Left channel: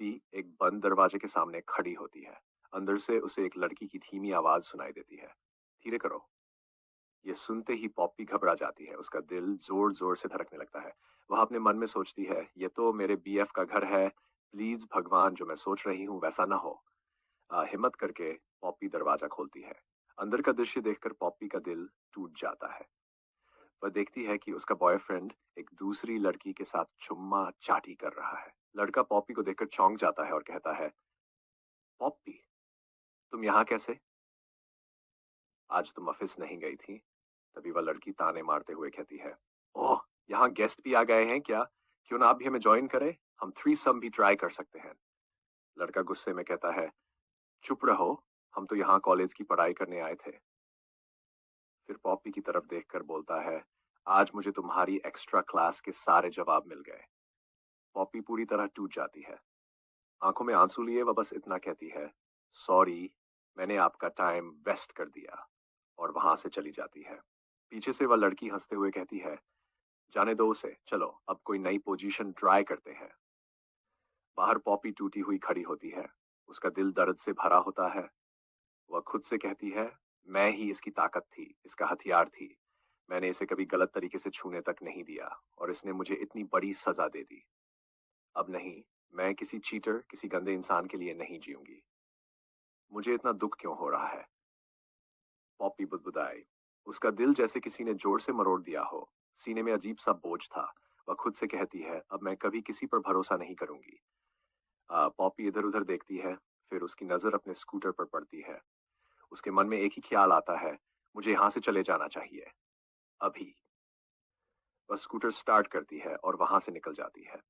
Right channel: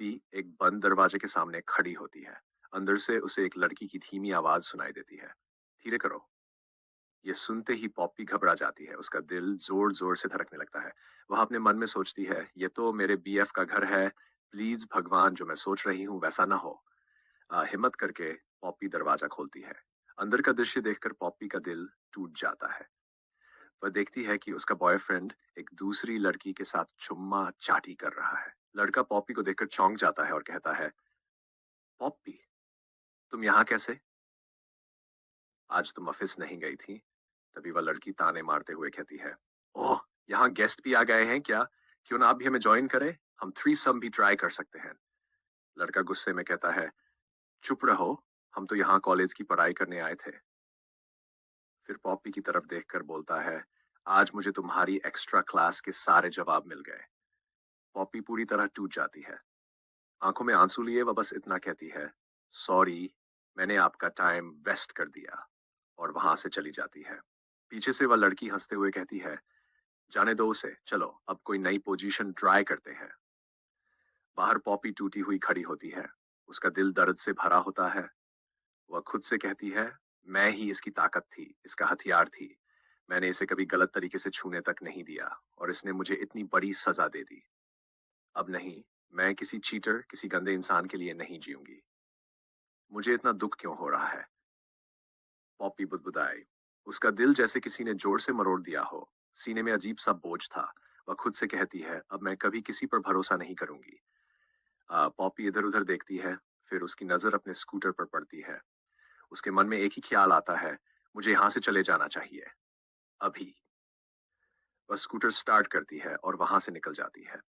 Poppy एक बंद दरवाजे के सामने खड़ी होती है। अंदर से उसे एक लड़की की धीमी आवाज सुनाई देती है, धीरे करो। ये सुनते ही पॉपी घबरा जाती है, उसका दिल जोर जोर से धड़कने लगता है। वह अपने मन में सोचती है, ये तो मेरे बीएफ का घर है, प्लीज भगवान जो मैं सोच रही हूँ वैसा ना हो। हिम्मत करके पॉपी दरवाजा खोलती है। अंदर का दृश्य देखकर पॉपी का दिल टूट जाता है। वह देखती है कि उसका बॉयफ्रेंड एक दूसरी लड़की के साथ चुम्मा चाटी कर रहा है। लड़का पॉपी को देखकर चौंक जाता है और कहता है, पॉपी, तुम यहाँ कैसे? आज तुम ऑफिस नहीं गई थी? तभी वह लड़की ताने मारते हुए कहती है, ओह, यहाँ गेस्ट भी आ गए हैं क्या? क्यों ना आप भी हमें ज्वाइन करें, हम थ्री सम भी ट्राई कर सकते हैं। लड़का गुस्से में कहता है, चुप रहो, हम तो यहाँ कॉलेज की पढ़ाई करने आए थे। फिर पॉपी की तरफ देखकर बोलता है, आज मुझे तुम्हारी एक्स्ट्रा क्लास के सारे जवाब मिल गए। पॉपी पूरी तरह टूट जाती है। आंखों में आंसू लिए वह बस इतना कहती है, सॉरी, मैंने आपका टाइम वेस्ट कर दिया, और वहां से चली जाती है। पीछे से वह लड़की हंसते हुए कहती है, जाने दो उसे, चलो अब कोई नई पोजीशन ट्राई करते हैं। बाहर पॉपी टूटी हुई खड़ी होती है, उसका दिल दर्द से भरा होता है। वह खुद से कहती है, मैं ही इसकी ताकत थी, इसका हथियार थी। मैंने इसे कभी गलत तरीके से छूने तक नहीं दिया, और इसने मुझे इतनी बड़ी सजा दे दी। अब नहीं, मैं किसी चीटर, किसी गंदे इंसान के लिए नहीं जीऊंगी। मुझे इतना दुख क्यों हो रहा है? पॉपी बुदबुदाई। उसका दिल जैसे किसी ने जोर से मरोड़ दिया हो। सीने में अजीब सा बोझ था। वह खुद से कहती है, अब मैं कभी किसी पर भरोसा नहीं करूंगी। पॉपी इधर उधर देखती है, फिर उसकी नजर अपने स्कूटर पर पड़ती है। उसके मन में एक ही ख्याल आता है, मुझे यहाँ से चले जाना चाहिए, अभी। वह स्कूटर स्टार्ट करती है और वहां से निकल जाती है।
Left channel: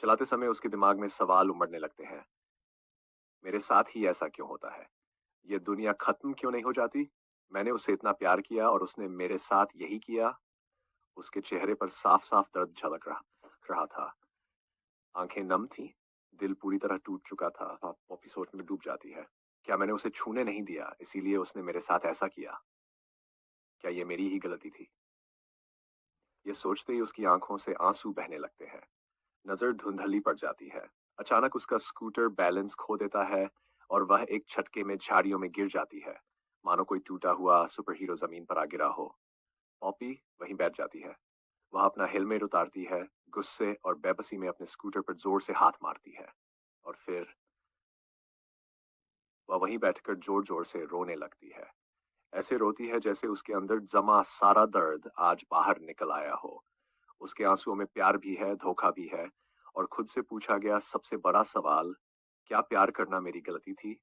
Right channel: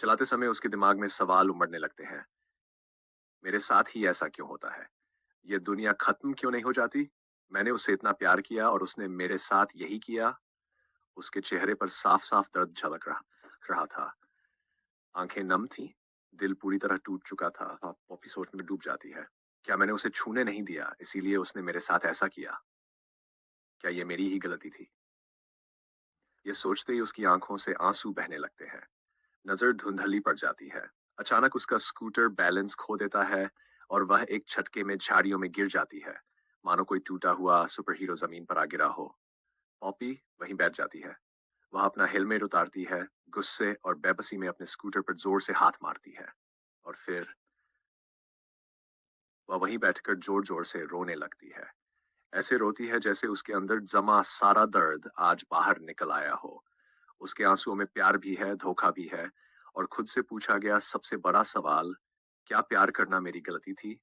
चलाते समय उसके दिमाग में सवाल उमड़ने लगते हैं, मेरे साथ ही ऐसा क्यों होता है? ये दुनिया खत्म क्यों नहीं हो जाती? मैंने उसे इतना प्यार किया और उसने मेरे साथ यही किया। उसके चेहरे पर साफ साफ दर्द झलक रहा था। आंखें नम थी, दिल पूरी तरह टूट चुका था। पॉपी सोच में डूब जाती है, क्या मैंने उसे छूने नहीं दिया, इसीलिए उसने मेरे साथ ऐसा किया? क्या ये मेरी ही गलती थी? ये सोचते ही उसकी आंखों से आंसू बहने लगते हैं। नजर धुंधली पड़ जाती है। अचानक उसका स्कूटर बैलेंस खो देता है और वह एक झटके में झाड़ियों में गिर जाती है, मानो कोई टूटा हुआ सुपर हीरो जमीन पर आ गिरा हो। पॉपी वहीं बैठ जाती है। वह अपना हेलमेट उतारती है, गुस्से और बेबसी में अपने स्कूटर पर जोर से हाथ मारती है, और फिर वह वहीं बैठकर जोर जोर से रोने लगती है। ऐसे रोती है जैसे उसके अंदर जमा सारा दर्द आज बाहर निकल आया हो। उसके आंसुओं में प्यार भी है, धोखा भी है, और खुद से पूछा गया सबसे बड़ा सवाल, क्या प्यार करना मेरी गलती थी?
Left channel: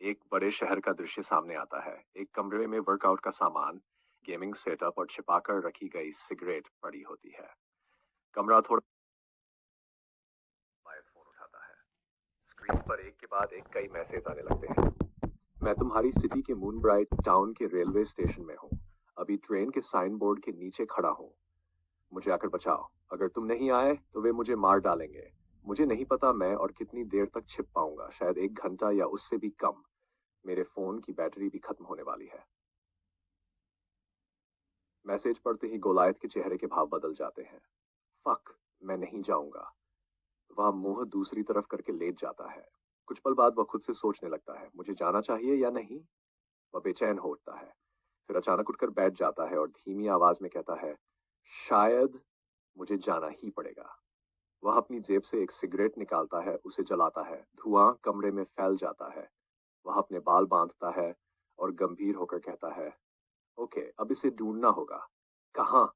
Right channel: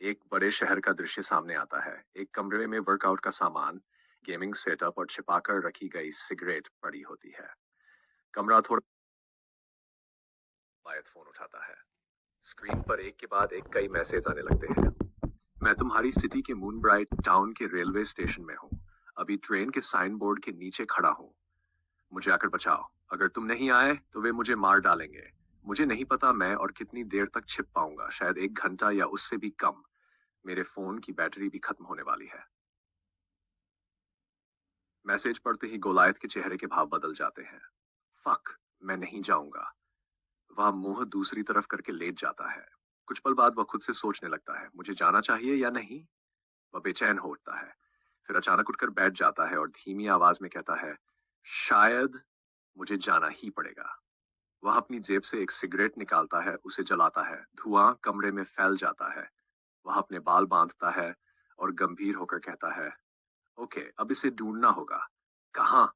एक बड़े शहर का दृश्य सामने आता है। एक कमरे में वर्कआउट का सामान, गेमिंग सेटअप और छिपाकर रखी गई सिगरेट पड़ी होती है। कमरा थोड़ा, शायद फोन उठाता है। स्क्रीन पर एक के बाद एक कई मैसेज आने लगते हैं। मैं तुम्हारी सिटी के मून ब्राइट टाउन के रेलवे स्टेशन में हूँ। अभी ट्रेन के साइन बोर्ड के नीचे खड़ा हूँ। मुझे आकर बचाओ। अगर तुम नहीं आए तो वे मुझे मार डालेंगे। मुझे नहीं पता मैं और कितनी देर तक छिप पाऊंगा, शायद 1 घंटा या उससे भी कम। मेरे फोन की बैटरी भी खत्म होने वाली है। मैसेज पढ़ते ही गोलायत के चेहरे के भाव बदल जाते हैं। फक, मैं नहीं जाऊंगा। वह मुंह दूसरी तरफ करके लेट जाता है। कुछ पल बाद वह खुद से सोचने लगता है, मुझे जाना चाहिए या नहीं। वह बेचैन हो उठता है, फिर अचानक उठकर बैठ जाता है और धीमी आवाज में कहता है, शायद मुझे जाना ही पड़ेगा। वह अपनी जेब से एक सिगरेट निकालता है, उसे जलाता है। धुआं कमरे में फैल जाता है। वह अपने बाल बांधता है और गंभीर होकर कहता है, ओके, अब इसे ढूंढना होगा। कहाँ?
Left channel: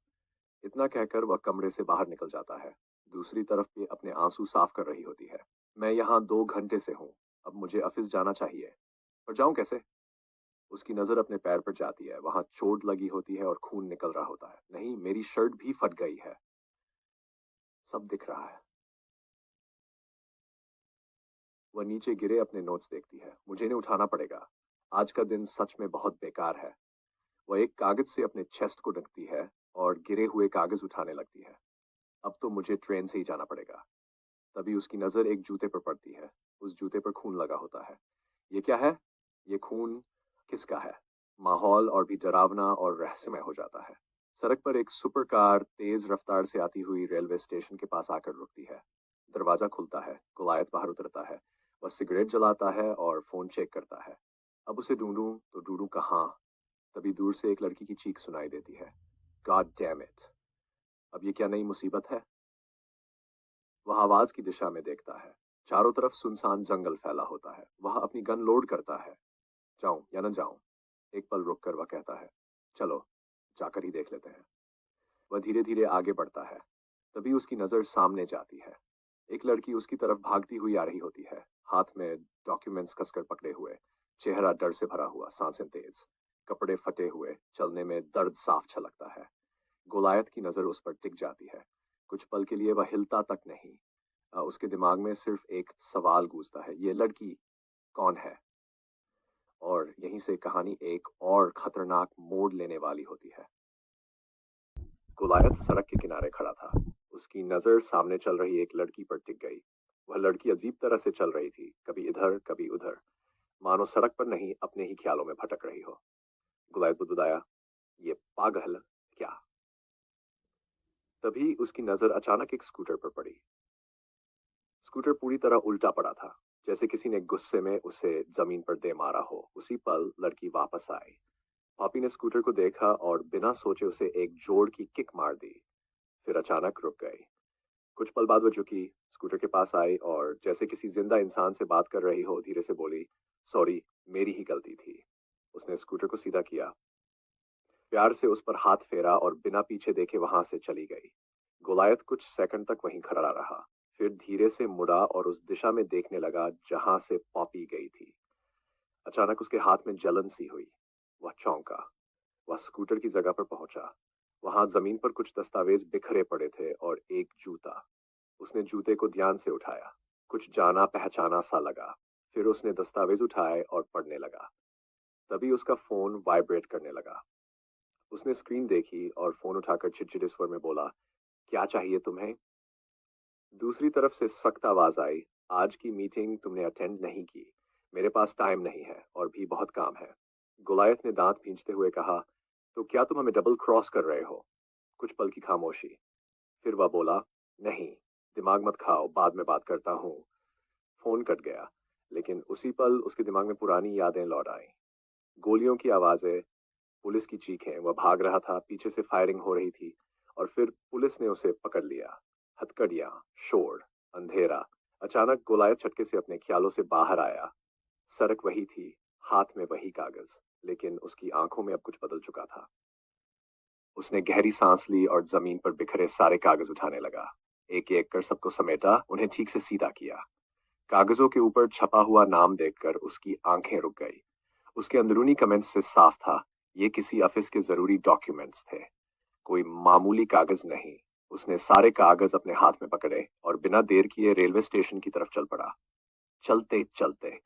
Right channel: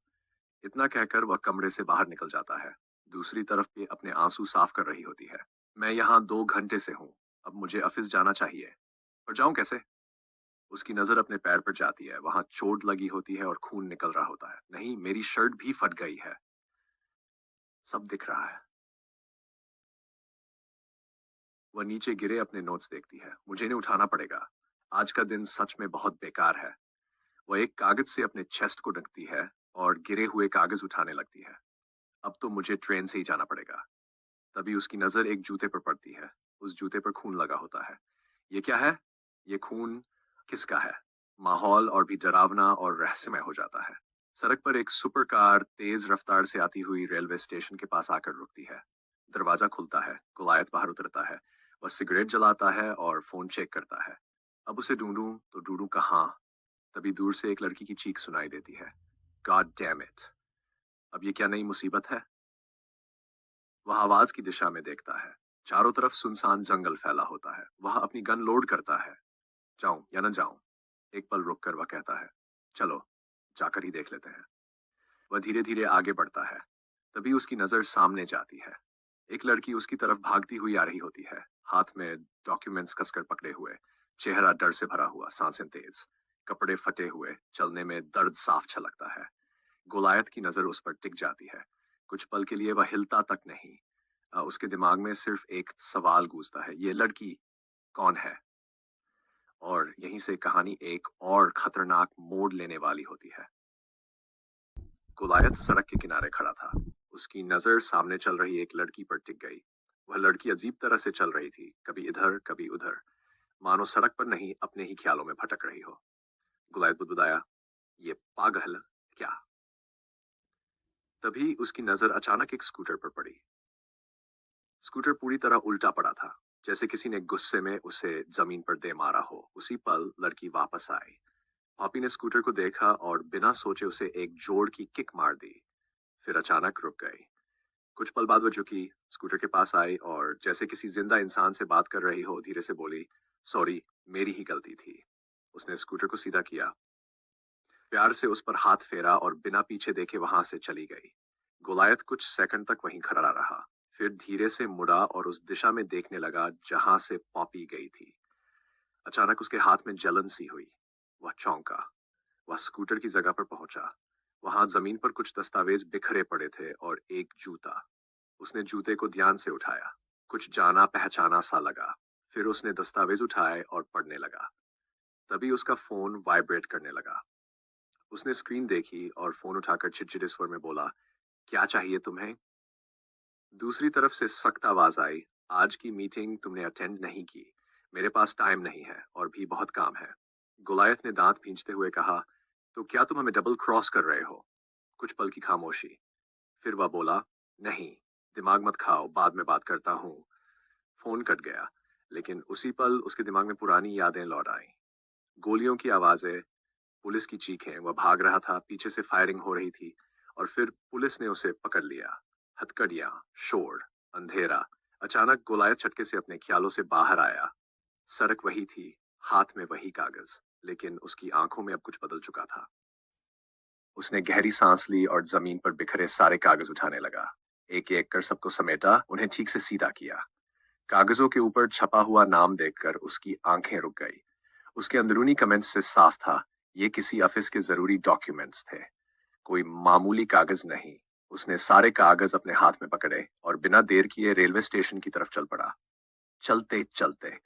इतना कहकर वह कमरे से बाहर निकल जाता है। दूसरी तरफ भी अपने आंसू साफ कर रही होती है। मैं यहाँ 2 घंटे से हूँ, अब मुझे ऑफिस जाना चाहिए, पर जाऊं कैसे? उसकी नजर अपने पैर पर जाती है, वहां चोट लगी होती है और खून निकल रहा होता है। नहीं, मेरी शर्ट भी फट गई है। सब दिख रहा है। वह नीचे गिरे अपने नोट्स देखती है। मुझे इन्हें उठाना पड़ेगा। आज का दिन सच में बहुत बेकार है। वह एक कागज से अपने चेस्ट को ढकती है और गिरे हुए कागज उठाने लगती है। अब तो मुझे ट्रेन से ही जाना पड़ेगा। तभी उसकी नजर एक जूते पर पड़ती है। उस जूते पर खून लगा होता है। ये क्या है? ये खून किसका है? माहौल और भी डरावना और रहस्यमय हो जाता है। सड़क पर एक सुपर कार तेज रफ्तार से आती हुई रेलवे स्टेशन के पास आकर रुकती है। दरवाजा खुलता है, गोलायत बाहर उतरता है। वह सिगरेट जलाता है और फोन चेक करता है। अब उसे ढूंढूं तो ढूंढूं कहाँ? तभी दूर से एक लड़की की चीख सुनाई देती है। God damn it! अब ये क्या नई मुसीबत है? वह आवाज की दिशा में देखता है। चारों तरफ सुनसान जंगल फैला होता है। वह अपनी गन लोड करता है। जाऊं या न जाऊं? एक पल रुककर वह कहता है, चलो जाकर ही देख लेते हैं। वह धीरे धीरे आगे बढ़ता है। तभी उसकी नजर सामने जाती है। एक लड़की उसकी तरफ भागती हुई आ रही होती है, हाथ में डॉक्यूमेंट्स कसकर पकड़े हुए, चेहरा डर से भरा हुआ, सांसें तेज, कपड़े फटे हुए, चलने में दर्द साफ छलकता है। गोलायत की नजर उस पर टिक जाती है। कुछ पल के लिए वह हिलता तक नहीं। उसके दिमाग में सिर्फ एक सवाल गूंजता है, ये लड़की कौन है? और यहीं से कहानी एक और खतरनाक मोड़ लेने वाली होती है। गोलायत सड़क के किनारे खड़ा था। उसकी नजर सामने चल रही एक लड़की पर टिक गई। वह लड़की अजीब तरह से चल रही थी, कभी इधर कभी उधर, मानो सड़क पर नहीं अपने ही ख्यालों में भटक रही हो। गुलायत बुदबुदाया, ये पागल क्या? तभी उसकी नजर अचानक एक स्कूटर पर पड़ी। स्कूटर पूरी तरह उल्टा पड़ा था, जैसे किसी ने गुस्से में उसे जमीन पर दे मारा हो। उसी पल लड़की वापस आई। पॉपी ने स्कूटर को देखा और बिना सोचे उसे एक जोर की किक मार दी। फिर अचानक रुक गई। कुछ पल बाद वो झुकी, स्कूटर के पास आई और जैसे किसी जिंदा इंसान से बात कर रही हो, धीरे से बोली, सॉरी, मेरी ही गलती थी। उसने स्कूटर को सीधा किया, प्यार से उस पर हाथ फेरा और बिना पीछे देखे वहां से चली गई। गोलायत कुछ सेकंड तक वहीं खड़ा रहा, फिर धीरे से मुड़ा और उस दिशा में देखने लगा जहां से पॉपी गई थी। अचानक उसके हाथ में जलन सी हुई। वह चौंका। वह स्कूटर की जगह पर पहुंचा। वहां जमीन पर कुछ दस्तावेज बिखरे पड़े थे और एक जूता। उसने जूते को ध्यान से उठाया। कुछ जाना पहचाना सा लगा। फिर उसने दस्तावेज उठाए और पढ़ने लगा। तभी उसका फोन वाइब्रेट करने लगा। उसने स्क्रीन देखी और फोन उठाकर चिड़चिड़े स्वर में बोला, क्या चाहिए तुम्हें? दूसरी तरफ से सख्त आवाज आई, आज की मीटिंग तुमने अटेंड नहीं की। मेरे पास टाइम नहीं है और भी बहुत काम है। गुलायत ने दांत भींचते हुए कहा, तो क्या तुम हमें डबल क्रॉस कर रहे हो? कुछ पल की खामोशी। फिर वह बोला, नहीं, दिमाग मत खाओ, बाद में बात करता हूँ। फोन कट गया, लेकिन उसी पल उसके दिमाग में पुरानी यादें लौट आईं। गोलियों की आवाजें, पुलिस की चीखें, वह भाग रहा था, पीछे से फायरिंग हो रही थी और फिर पुलिस ने उसे पकड़ लिया। हथकड़ियां, शोर, अंधेरा। अचानक गोलायत झटके से अपने ख्यालों से बाहर आया। सड़क वही थी, हाथ में वही कागज, लेकिन उसकी आंखों में अब कुछ बदल चुका था। उसने गहरी सांस ली और जमीन पर बिखरे सारे कागज उठाने लगा। एक एक कर सबको समेटा, उन्हें ठीक से सीधा किया। कागजों के ऊपर छपा हुआ नाम देखकर उसकी आंखें रुक गई। उसके अंदरूनी कमेंट्स से साफ था, ये किसी ऑफिस के जरूरी डॉक्यूमेंट्स थे, कोई मामूली कागज नहीं। उसने सारे कागज अपने हाथ में पकड़े और बिना देर किए रेलवे स्टेशन की तरफ चल पड़ा। चलते चलते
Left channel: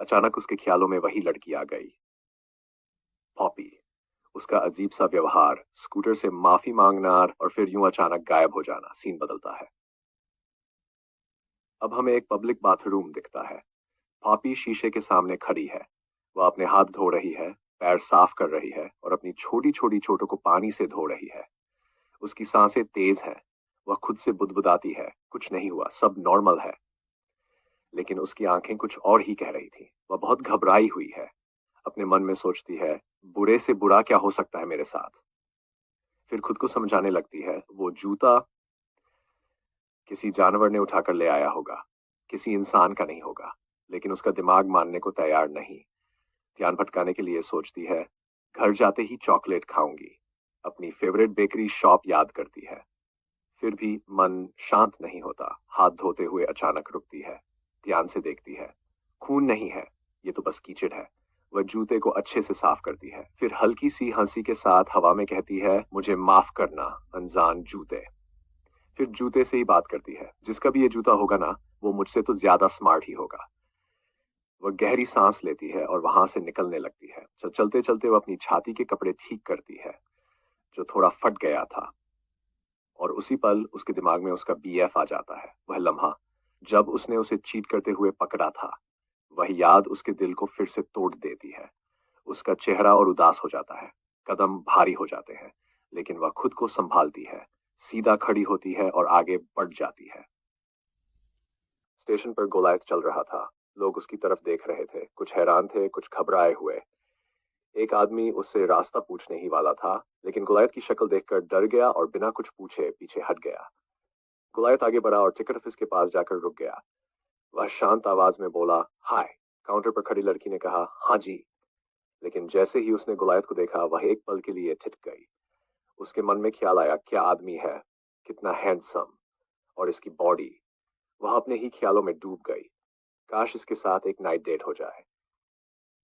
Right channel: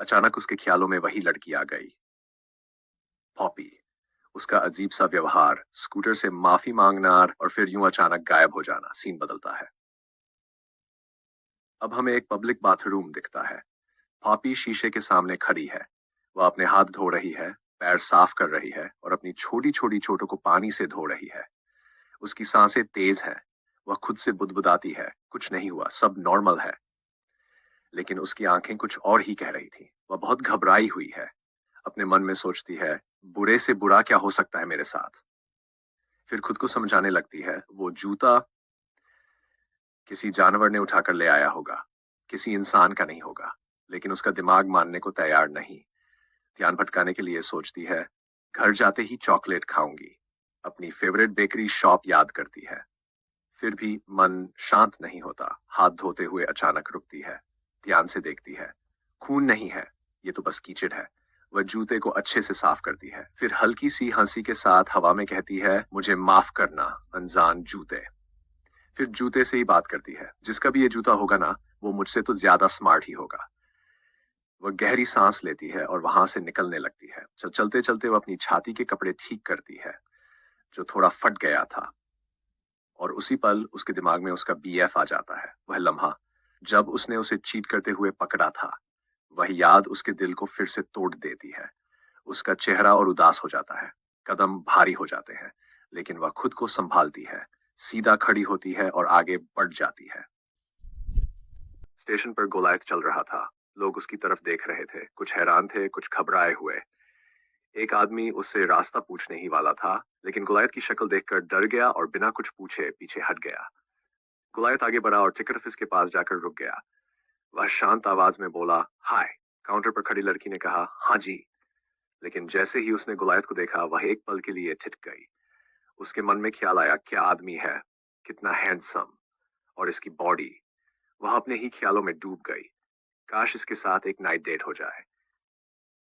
अचानक उसके ख्यालों में वही लड़की आ गई, पॉपी। उसका अजीब सा व्यवहार, स्कूटर से माफी मांगना और फिर यूं अचानक गायब हो जाना। सीन बदलता है। अब हमें एक पब्लिक बाथरूम दिखता है। पॉपी शीशे के सामने खड़ी है। वह अपने हाथ धो रही है, पैर साफ कर रही है और अपनी छोटी छोटी चोटों को पानी से धो रही है। उसकी सांसें तेज हैं। वह खुद से बुदबुदाती है, कुछ नहीं हुआ, सब नॉर्मल है। लेकिन उसकी आंखें कुछ और ही कह रही थी। वह बहुत घबराई हुई है। अपने मन में सोचती है, बुरे से बुरा क्या हो सकता है मेरे साथ? फिर खुद को समझाने लगती है, वो जूता किसी जानवर ने उठाकर ले आया होगा, किसी इंसान का नहीं होगा। लेकिन उसका दिमाग मानने को तैयार नहीं। ध्यान भटकाने के लिए सोचती है, घर जाते ही चॉकलेट खाऊंगी। अपनी फेवरेट बेकरी शॉप याद करती है। फिर भी मन शांत नहीं होता। हाथ धोते हुए अचानक रुकती है, ध्यान से देखती है। खून नहीं है, ये तो बस कीचड़ है। वह जूते को अच्छे से साफ करती है, फिर हल्की सी हंसी के साथ हवा में कहती है, मुझे माफ करना अनजान जूते। फिर जूते से ही बात करती है, जिसका भी ये जूता होगा ना, वो मुझसे तो ज्यादा स्मार्ट ही होगा। वह गहरी सांस लेती है और वहां से निकलने लगती है। चलते चलते वह अपनी छाती के कपड़े ठीक करती है, जो थोड़ा फट गया था। और उसी पल उसके दिमाग में उसका बीएफ आ जाता है। वह लम्हा जब उसने उसे चीट करते हुए पकड़ा था, वह याद उसके दिल को फिर से तोड़ देती है। उसका चेहरा और उदास हो जाता है, कदम भारी हो जाते हैं, लेकिन वह खुद को संभालती है, सीधा खड़ी होती है और आगे बढ़ जाती है। स्टेशन पर गोलायत चल रहा था। लोग उसकी तरफ देख रहे थे, कुछ हैरान थे, कुछ घबराए हुए। एक आदमी उससे रास्ता पूछने ही वाला था, लेकिन गोलायत की शक्ल देखकर डर गया और बिना कुछ पूछे पीछे हट गया। गोलायत आगे बढ़ा और टिकट ऑफिस के पास जाकर रुक गया। वह शांत आवाज में बोला, हाय। काउंटर पर खड़ी लड़की ने कहा, हाँ जी। लेकिन जैसे ही उसने गोलायत को देखा, वह एक पल के लिए ठिठ गई। उसके मन में ख्याल आया, क्या आदमी है, कितना हैंडसम, और इसकी बॉडी। वह अपने ही ख्यालों में डूब गई। काश इसके साथ एक नाइट डेट हो जाए।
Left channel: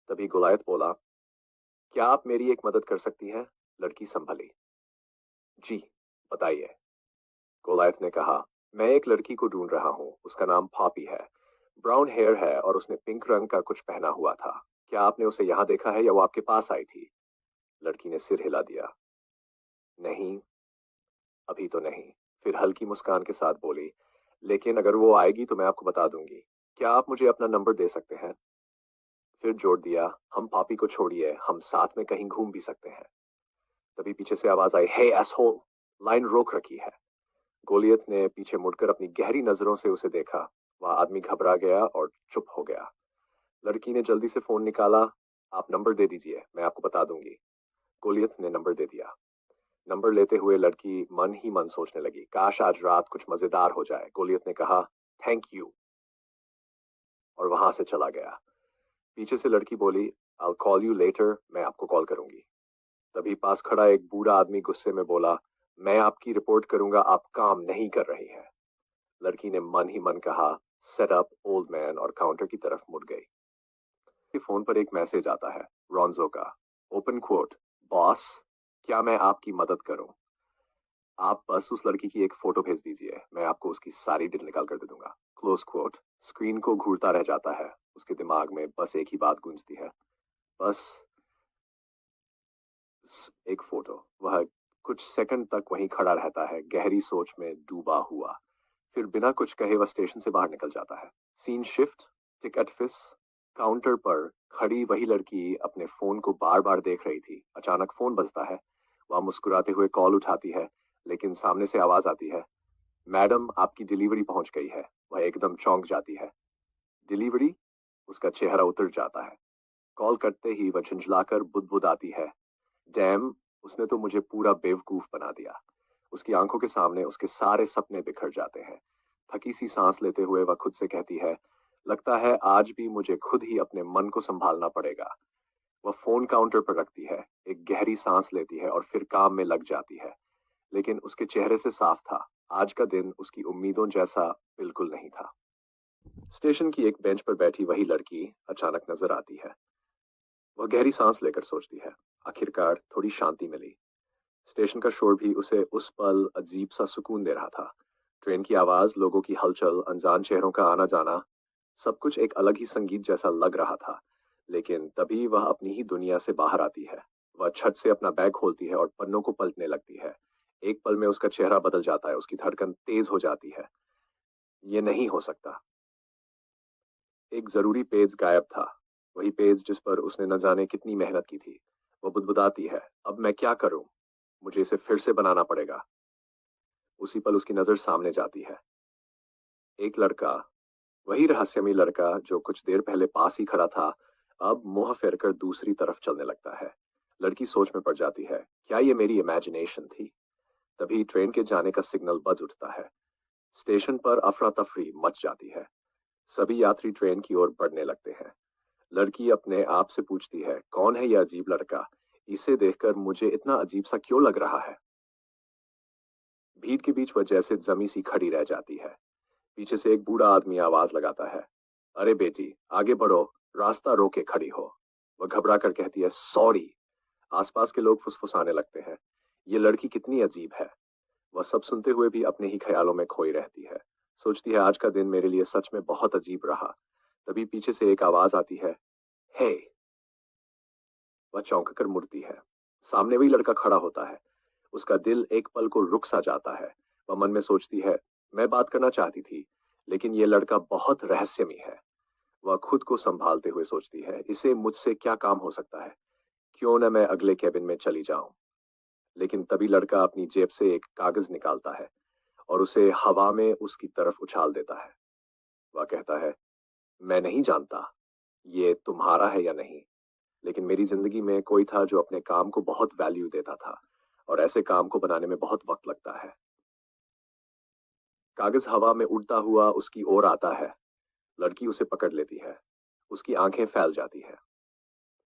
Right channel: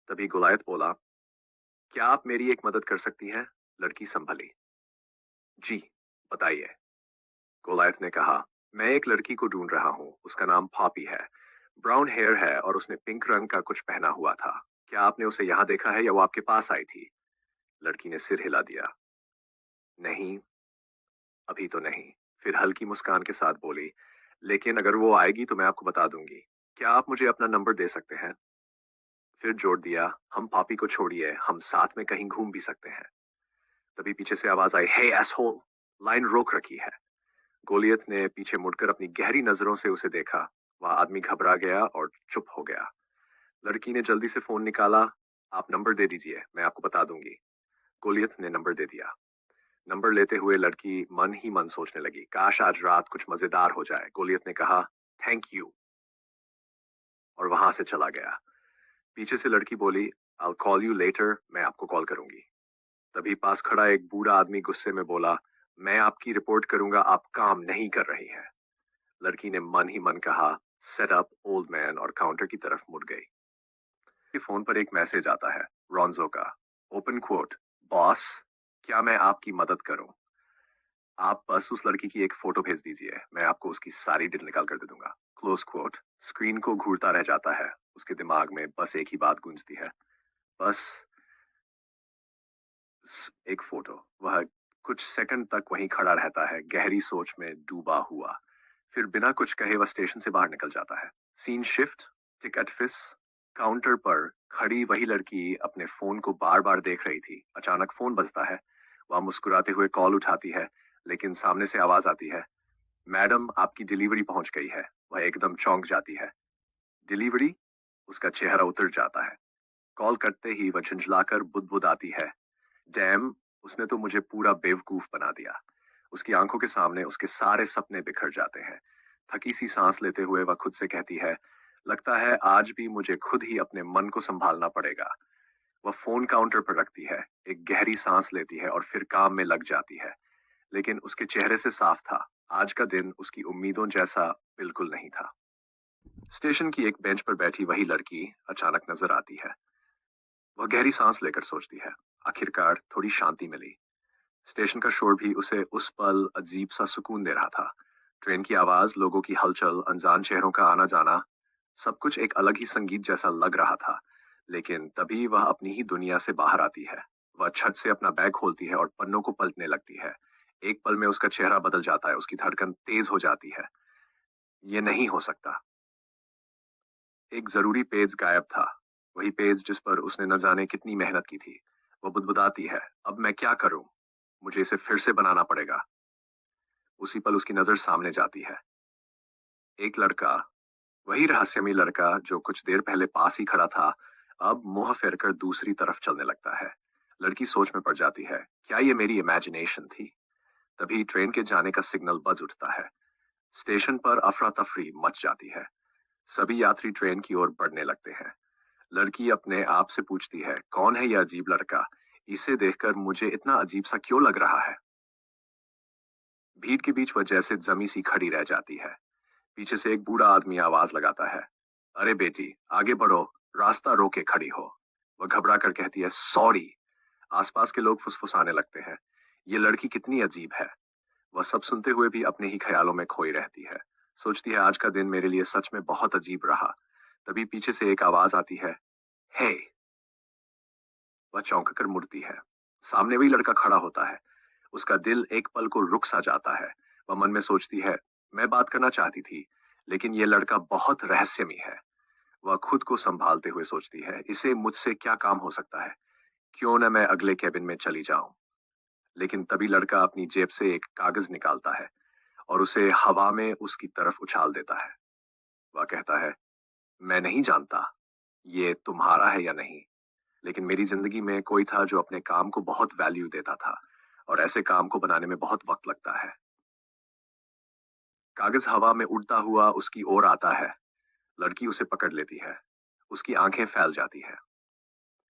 तभी गोलायत बोला, क्या आप मेरी एक मदद कर सकती हैं? लड़की संभली। जी, बताइए। गोलायत ने कहा, मैं एक लड़की को ढूंढ रहा हूँ, उसका नाम पॉपी है। ब्राउन हेयर है और उसने पिंक रंग का कुछ पहना हुआ था। क्या आपने उसे यहाँ देखा है या वो आपके पास आई थी? लड़की ने सिर हिला दिया। नहीं, अभी तो नहीं। फिर हल्की मुस्कान के साथ बोली, लेकिन अगर वो आएगी तो मैं आपको बता दूंगी। क्या आप मुझे अपना नंबर दे सकते हैं? फिर जोड़ दिया, हम पॉपी को छोड़िए, हम साथ में कहीं घूम भी सकते हैं। तभी पीछे से आवाज आई, हे एसहोल। लाइन रोक रखी है। गोलियत ने पीछे मुड़कर अपनी गहरी नजरों से उसे देखा। वह आदमी घबरा गया और चुप हो गया। लड़की ने जल्दी से फोन निकाला। आप नंबर दे दीजिए, मैं आपको बता दूंगी। गोलियत ने नंबर दे दिया। नंबर लेते हुए लड़की मन ही मन सोचने लगी, काश आज रात कुछ मजेदार हो जाए। गोलियत ने कहा, थैंक यू, और वहां से चला गया। पीछे से लड़की बोली, I'll call you later, मैं आपको कॉल करूंगी। तभी पास खड़ा एक बूढ़ा आदमी गुस्से में बोला, मैं आपकी रिपोर्ट करूंगा, आप काम नहीं कर रही हैं। लड़की ने मन ही मन कहा, सेट अप ओल्ड मैन, और काउंटर की तरफ मुड़ गई। फोन पर एक मैसेज आता है, रॉन्जो का। ओपन क्वोट, बॉस, क्या मैं आपकी मदद करूं? आप बस उस लड़की की एक फोटो भेज दीजिए, मैं आपको उसकी सारी डिटेल निकाल कर दे दूंगा। Close quote. स्क्रीन को घूरता रह जाता है। उसके दिमाग में बस एक ही बात गूंजती है, बस एक फोटो। वह कुछ सेकंड तक वहीं खड़ा रहता है, गहरी सोच में डूबा हुआ। फिर बिना कुछ कहे वह स्टेशन से बाहर निकल जाता है। सीन शिफ्ट, टिकट फिस। काउंटर पर खड़ी वही लड़की अपने फोन को बार बार देख रही थी। अचानक फोन बजता है। वह मुस्कुराते हुए कॉल उठाती है, लेकिन सामने से आवाज आती है, मैडम आपकी डिलीवरी पहुंच गई है। वह एकदम चौंक जाती है। डिलीवरी? उसका चेहरा उतर जाता है। कॉल करते ही वह झुंझलाकर बुदबुदाती है, डैम, उसने तो मुझे पूरा बेवकूफ बना दिया। उसकी आंखों के सामने उसके सारे सपने बिखर जाते हैं। थकी सी सांस लेते हुए वह खुद से कहती है, लगता है आज भी मुझे खुद ही अपने मन को संभालना पड़ेगा। वह फोन काउंटर पर रखती है, एक गहरी सांस लेती है और फिर काम में लग जाती है। लेकिन उसके चेहरे से साफ था, आज का दिन उसकी उम्मीदों जैसा बिल्कुल नहीं था। स्टेशन की एक बेंच पर बैठी वही लड़की अचानक नजर आती है। वह गहरी सांस लेकर सोचती है, आखिरकार थोड़ी शांति मिली। स्टेशन का शोर भी उसे उस पल अजीब सा सुकून दे रहा था। ट्रेन की आवाज, लोगों की हलचल, अनजान चेहरों का आना जाना, सब कुछ एक अलग ही संगीत जैसा लग रहा था। लेकिन तभी वह अपनी ही दुनिया से बाहर आती है। वह छत से अपना बैग खोलती है और पन्नों को पलटने लगती है। एक पल में उसका चेहरा बदल जाता है, उसकी धड़कन तेज हो जाती है। ये नहीं हो सकता। एक जरूरी पेज गायब था, वही पेज जिस पर उसने न जाने कितनी मेहनत की थी। वो बुदबुदाती है, अब मैं क्या करूं? मुझे इसे फिर से बनाना पड़ेगा। उसी पल उसकी नजर सामने जाती है। एक लड़का, वही रहस्यमयी लड़का जो कुछ देर पहले पास ही खड़ा था, अब मुंह फेरकर दूसरी तरफ चलने लगता है। लड़की सोच में पड़ जाती है, क्या ये मेरी इमेजिनेशन थी? तभी ट्रेन के जाने का सिग्नल बज उठता है। स्टेशन पर अफरा तफरी मच जाती है। सभी यात्री ट्रेन की ओर बढ़ने लगते हैं। लड़की अपने आप से पूछती है, कौन है यह अजीब लड़का? इसे देखकर मुझे इतना अजीब सा क्यों लग रहा है? भीड़ के बीच वह जैसे जमी सी खड़ी रह जाती है। पीछे से एक बूढ़ा आदमी आवाज लगाता है, अरे बेटी, आगे बढ़ो, रास्ता रोके खड़ी हो। वह घबरा कर कहती है, सॉरी। आसपास के लोग फुसफुसाने लगते हैं, ये लड़की कितनी अजीब है। वह सब सुनते हुए भी अपने ही ख्यालों में खोई रहती है। सोचती है, आज का दिन मेरे लिए सच में बहुत अजीब रहा। तभी पीछे से एक आवाज आती है, हे। वह चौंक कर मुड़ती है। सामने वही लड़का खड़ा होता है। उसका दिल एक पल को रुक सा जाता है। वह मन में सोचती है, मैं बात करना चाहती थी, लेकिन यह लड़का बहुत रहस्यमयी है। वह खुद को संभालते हुए सोचती है, इसे मुझसे क्या काम हो सकता है? क्यों न मैं अगले केबिन में चली जाऊं। लेकिन तभी लड़का अपनी जेब से एक कागज निकालता है और उसे हवा में उसकी तरफ उछाल देता है। वह कहता है, मैं नहीं जानता ये तुम्हारा है या नहीं, लेकिन मेरी जिंदगी में कोई था जो अपने काम को बहुत वैल्यू देता था और ऐसे काम को बनाने में बहुत वक्त लगता है। कागज हवा में उड़ता हुआ उसकी ओर आता है। लड़की उसे पकड़ लेती है। उसकी आंखें फैल जाती है।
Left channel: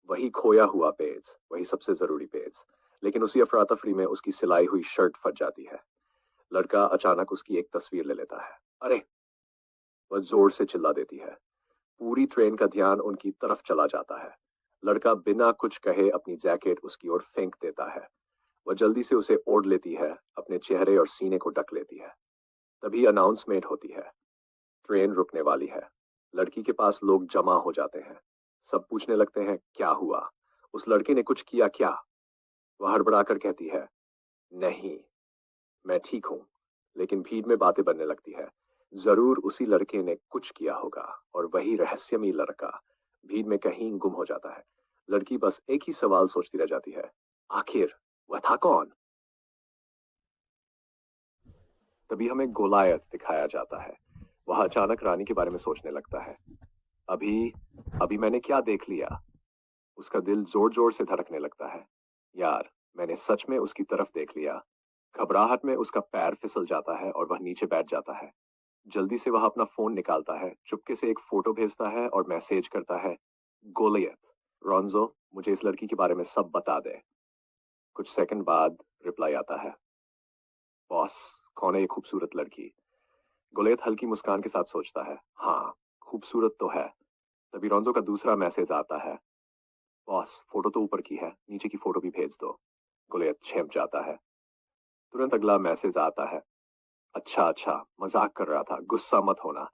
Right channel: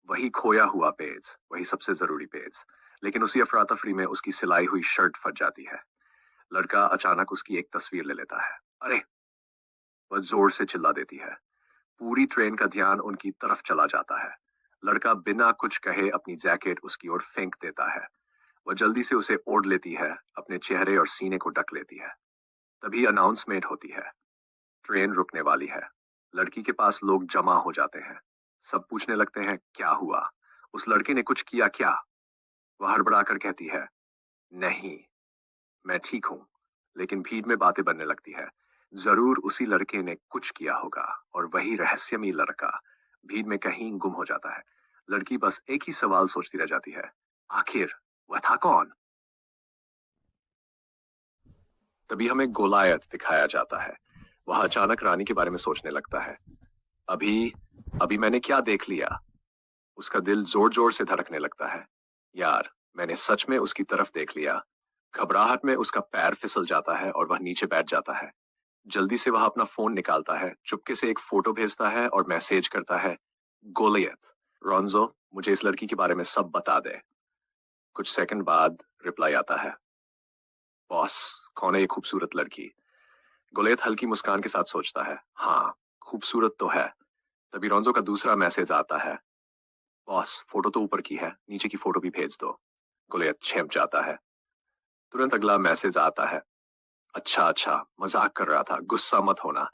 वही खोया हुआ पेज, वही सबसे जरूरी पेज, लेकिन उसी अफरा तफरी में उसकी सिलाई हुई शर्ट फट जाती है। लड़का अचानक उसकी एक तस्वीर ले लेता है। अरे! वह जोर से चिल्ला देती है। पूरी ट्रेन का ध्यान उनकी तरफ चला जाता है। लड़का बिना कुछ कहे अपनी जैकेट उसकी ओर फेंक देता है। वह जल्दी से उसे ओढ़ लेती है, अपने चेहरे और सीने को ढक लेती है। तभी अनाउंसमेंट होती है, ट्रेन रुकने वाली है। लड़की के पास लोग जमा हो जाते हैं। सब पूछने लगते हैं, क्या हुआ? उस लड़के ने कुछ किया क्या? वह हड़बड़ाकर कहती है, नहीं, मैं ठीक हूं। लेकिन भीड़ में बातें बनने लगती है। जरूर उसी लड़के ने कुछ किया होगा और वही रहस्यमयी लड़का भीड़ में कहीं गुम हो जाता है। लड़की बस एक ही सवाल सोचती रह जाती है, आखिर वह था कौन? तभी हमें गोलायत दिखाया जाता है। वह अचानक रानी के बारे में सोचने लगता है। अभी अभी मैंने क्या देख लिया? उसका दिल जोर जोर से धड़कने लगता है। यार, मैंने सच में उसकी तरफ देख लिया। घबराहट में उसका पैर फिसल जाता है और वह नीचे बैठ जाता है। जल्दी से वह अपना फोन निकालता है, चुपके से एक फोटो भेजता है और मैसेज करता है, गोलियत, रोंजो, मुझे इस लड़की के बारे में सब बता दे। कुछ सेकंड बाद रिप्लाई आता है, बॉस, कौन है ये खूबसूरत लड़की? गोलियत हल्की मुस्कान के साथ सोचता है, हाँ, खूबसूरत तो है। तभी रोंजो का दूसरा मैसेज आता है, बॉस, फोटो तो ऊपर की है, नीचे की फोटो भी भेज दो। गोलियत चेंप जाता है। तुरंत अगला मैसेज आता है, अच्छा अच्छा, मजाक कर रहा था, गुस्सा मत होना।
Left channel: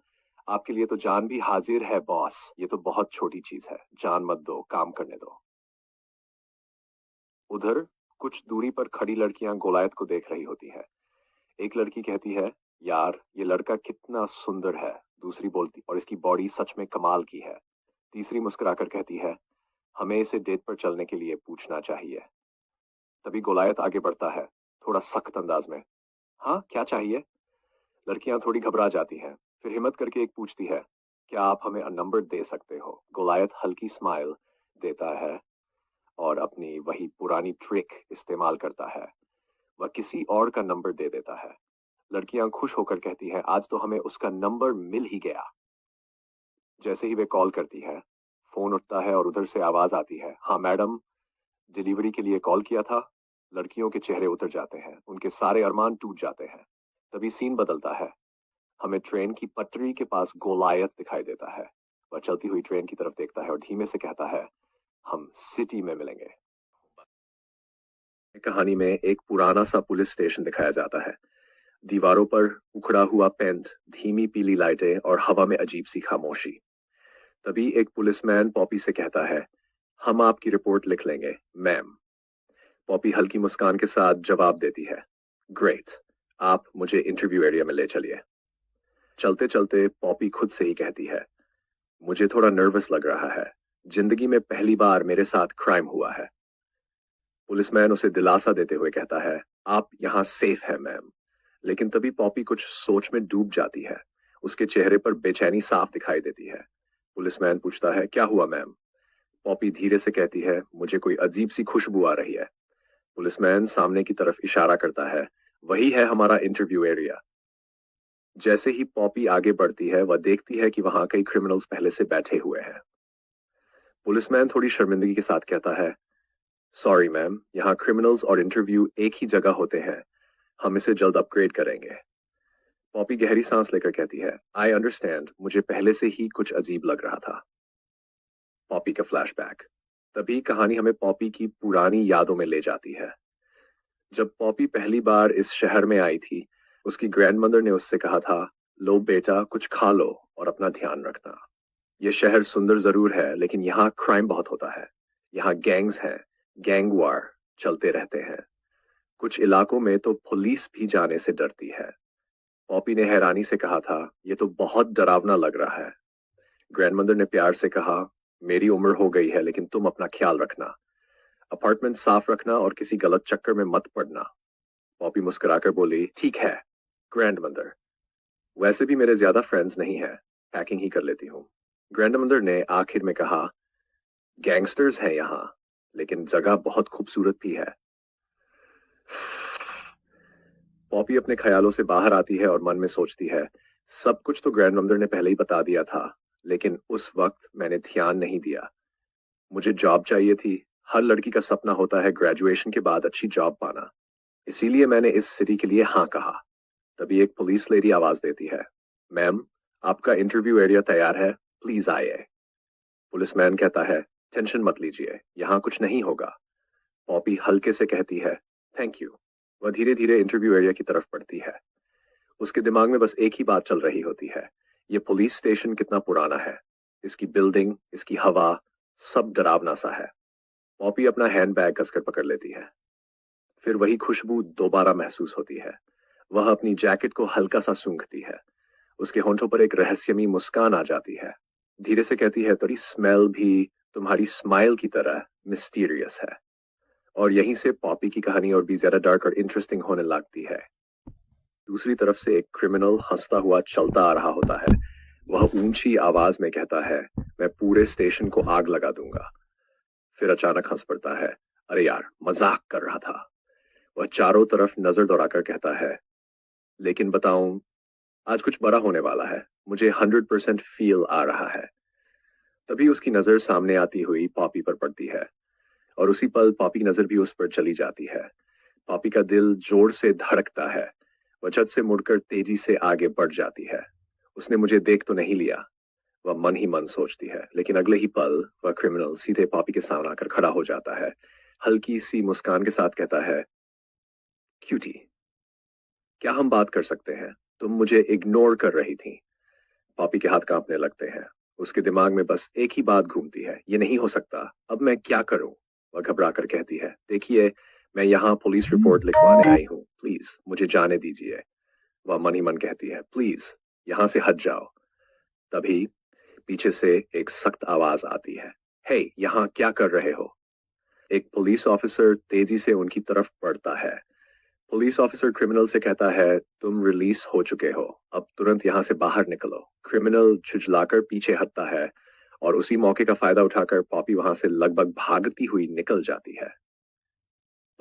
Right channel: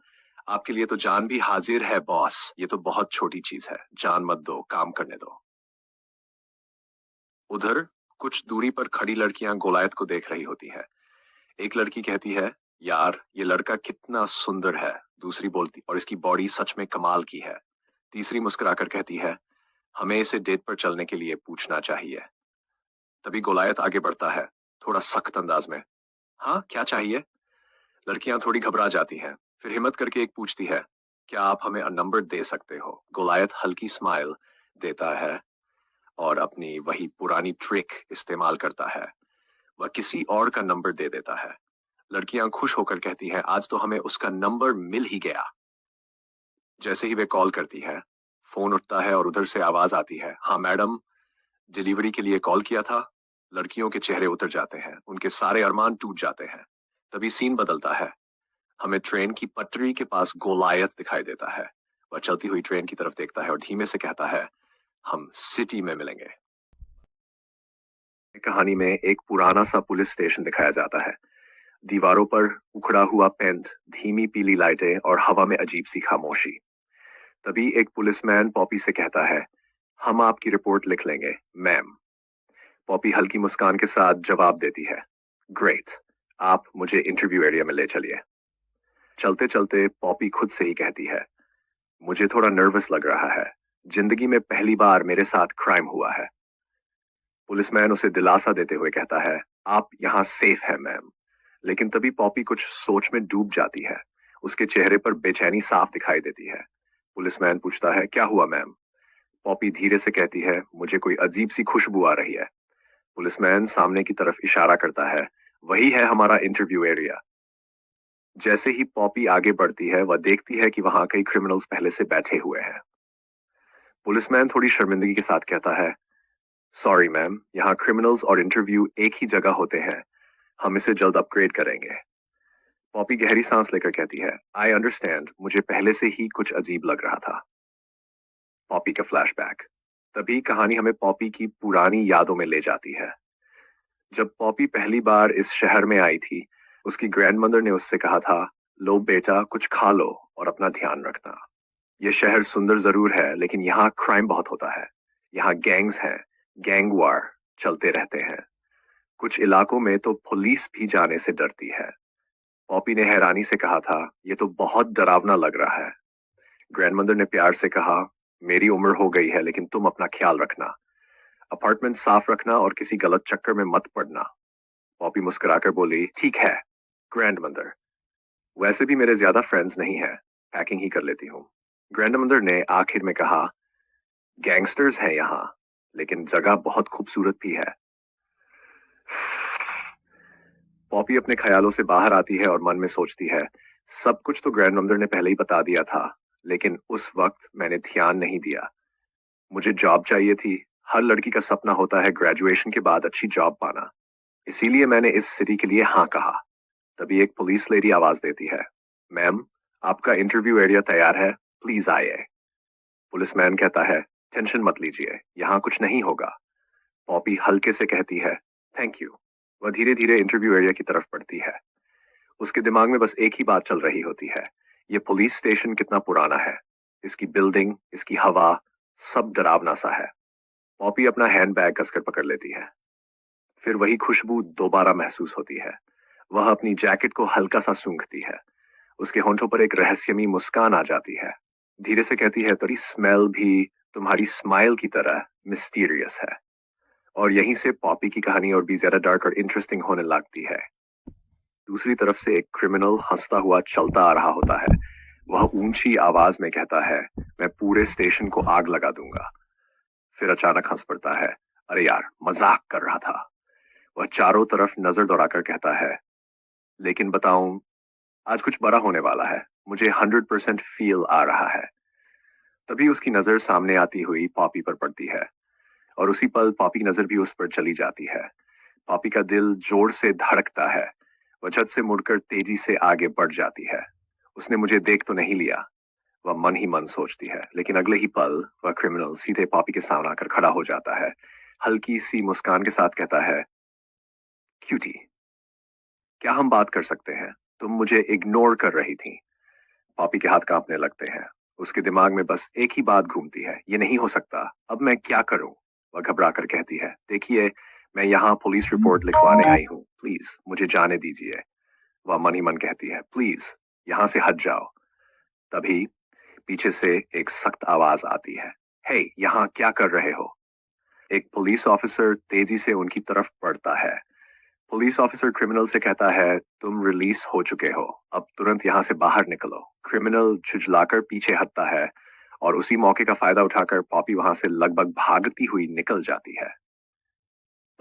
आपके लिए तो जान भी हाजिर है बॉस, ये तो बहुत छोटी चीज है, जान मत दो, काम करने दो। उधर कुछ दूरी पर खड़ी लड़कियां गोलायत को देख रही होती है। एक लड़की कहती है, यार ये लड़का कितना सुंदर है। दूसरी बोलती, और इसकी बॉडी सच में कमाल की है। तीसरी मुस्कुराकर कहती है, हमें इसे डेट पर चलने के लिए पूछना चाहिए। तभी गोलायत आगे बढ़ता है, थोड़ा सख्त अंदाज में, हाँ क्या चाहिए? लड़कियां थोड़ी घबरा जाती हैं, फिर हिम्मत करके एक पूछती है, क्या आप हमें नंबर दे सकते हो? गोलायत हल्की स्माइल देता है और अपनी वही पुरानी ट्रिक इस्तेमाल करता है। वह किसी और का नंबर दे देता है। लड़कियां खुश होकर कहती हैं, आज तो हमें उसका नंबर मिल ही गया। जैसे ही वे कॉल करती है, फोन उठता है और उधर से आवाज आती है, हाँ मैडम, डिलीवरी के लिए कॉल किया था। लड़कियों के चेहरे उतर जाते हैं, उनके सारे अरमान टूट जाते हैं। तभी सीन बदलता है। हमें ट्रेन की पटरी के पास गोलायत दिखाई देता है। वह चलती हुई ट्रेन की तरफ देखता है और धीमे से कहता है, हम सिटी में मिलेंगे। कहानी में एक पुराना सा पुलिस स्टेशन दिखाया जाता है। दीवारों पर उखड़ा हुआ पेंट, धीमी पीली लाइटें और हवा में अजीब सी खामोशी। तभी एक पुलिसमैन पॉपी से कहता है, हम आपकी रिपोर्ट लिख लेंगे मैम। पॉपी हल्की मुस्कान के साथ जवाब देती है, ग्रेट, आप मुझे इंटरव्यू एरिया में ले चलिए। चलते चलते पॉपी खुद से ही कहती है, मुझे थोड़ा नर्वस लग रहा है। जिंदगी में पहली बार मेरे साथ क्राइम हुआ है। पुलिसमैन उसे दिलासा देते हुए कहता है, आप यहाँ सेफ है मैम। लेकिन तभी पॉपी कुछ सोच में डूब जाती है। उसके चेहरे पर बेचैनी साफ दिखाई देती है। पुलिसमैन पूछता है, क्या हुआ मैम? पॉपी धीरे से कहती है, मुझे कोई अजीब सी खुशबू आ रही है। पुलिसमैन सामने की तरफ इशारा करता है, वही है हमारा इंटरव्यू एरिया। जैसे ही पॉपी आगे बढ़ती है, वह देखती है कि वहां कई क्रिमिनल्स पहले से बैठे हुए हैं। पुलिसमैन थोड़ी शर्मिंदगी के साथ कहता है, सॉरी मैम, यहाँ क्रिमिनल्स और इंटरव्यू एक ही जगह होते हैं। हम इसे जल्द अपग्रेड करेंगे। पॉपी गहरी सांस लेकर कहती है, आई अंडरस्टैंड, मुझे पहले से ही कुछ अजीब लग रहा था। पॉपी का फ्लैशबैक। तभी कहानी हमें पॉपी की पुरानी यादों में ले जाती है। जब पॉपी पहली बार इस शहर में आई थी, उसकी ग्रैंडमदर ने उससे कहा था, लो बेटा, कुछ खा लो और अपना ध्यान रखना। यह शहर सुंदर जरूर है, लेकिन यहाँ क्राइम बहुत होता है। यहाँ गैंग्स हैं, गैंग वार चलते रहते हैं। कुछ इलाकों में तो पुलिस भी जाने से डरती है। पॉपी ने हैरानी से कहा था, यह तो बहुत डरावना लग रहा है। ग्रैंडमदर ने प्यार से कहा, मेरी उम्र हो गई है, लेकिन तुम अपना ख्याल रखना। अपार्टमेंट साफ रखना और किसी गलत चक्कर में मत पड़ना। पॉपी मुस्कुराकर बोली, ठीक है ग्रैंडमदर, वैसे भी मेरे ज्यादा फ्रेंड्स नहीं हैं। पैकिंग ही कर लेती हूँ। ग्रैंडमदर ने आखिर में कहा, गैंगस्टर्स हैं यहाँ, लेकिन जगह बहुत खूबसूरत भी है। पॉपी अपने ख्यालों से बाहर आती है और मन में सोचती है, सब कुछ तो ग्रैंडमदर ने पहले ही बता दिया था, लेकिन उस वक्त मैंने ध्यान नहीं दिया। मुझे जॉब चाहिए थी। हर लड़की का सपना होता है ग्रेजुएशन के बाद अच्छी जॉब पाना। इसीलिए मैंने इस सिटी के लिए हाँ कहा। तभी एक पुलिस लेडी आवाज देती है, मैम, आपका इंटरव्यू एरिया तैयार है, प्लीज आइए। पुलिसमैन कहता है, टेंशन मत लीजिए, यहाँ कुछ नहीं होगा। पॉपी हल्के से कहती है, थैंक यू। वह धीरे धीरे इंटरव्यू एरिया की तरफ बढ़ती है। उसके दिमाग में बस एक ही बात चल रही होती है, ये पुलिस स्टेशन कितना पुराना है, इसकी बिल्डिंग, इसकी हवा, सब डरावना सा है। पॉपी अपना हैंडबैग कसकर पकड़ लेती है। फिर वही खुशबू दोबारा महसूस होती है। वह अपनी जैकेट को हल्का सा सूंघती है। उसके होंठों पर एक रहस्यमयी मुस्कान आ जाती है। धीरे से कहती है, तेरी स्मेल भी तुम्हारी स्माइल की तरह मिस्टीरियस है। और यहीं से पॉपी की कहानी और भी ज्यादा डार्क और इंटरेस्टिंग होने लगती है। दूसरी तरफ से एक क्रिमिनल हंसता हुआ चलता आ रहा होता है। वह ऊंची आवाज में कहता है, मैं पूरे स्टेशन को आग लगा दूंगा। फिर अचानक हंस पड़ता है, अरे यार, मजाक कर रहा था। वह चारों तरफ नजर दौड़ाकर कहता है, लेकिन बताऊं, आज कुछ बड़ा होने वाला है, मुझे 100% फील आ रहा है। तभी उसकी नजर सामने आती हुई पॉपी पर पड़ती है, और उसी पल पॉपी की नजर भी उस पर चली जाती है। पॉपी का दिल जोर से धड़कता है। वह झट से मुड़कर तेजी से आगे बढ़ जाती है। उसने मुझे देख तो नहीं लिया, वह मन ही मन सोचती है, लेकिन अगले ही पल वह क्रिमिनल सीधे पॉपी के सामने आकर खड़ा हो जाता है। हल्की सी मुस्कान के साथ कहता है, क्यूटी, क्या हम बात कर सकते हैं? तुम मुझे इग्नोर कर रही थी। पॉपी के हाथ कांपने लगते हैं। उसके दिमाग में बस एक ही बात घूमती है, ये नहीं हो सकता, अब मैं क्या करूं? वह घबरा कर कहती है, देखिए, मैं यहाँ पुलिस रिपोर्ट लिखवाने आई हूँ, प्लीज मुझे जाने दीजिए। वह मन ही मन कहती है, प्लीज यहाँ से हट जाओ। तभी पीछे से एक सख्त आवाज आती है, हे, यहाँ क्या कर रहे हो? एक पुलिस ऑफिसर तेजी से उनकी तरफ बढ़ता है। पुलिस ऑफिसर क्रिमिनल से कहता है, तुम रिलीज हो चुके हो, अब तुरंत यहाँ से बाहर निकलो। क्रिमिनल झुंझलाकर पीछे हटता है, और उसी मौके का फायदा उठाकर पॉपी वहां से लगभग भागती हुई निकल जाती है।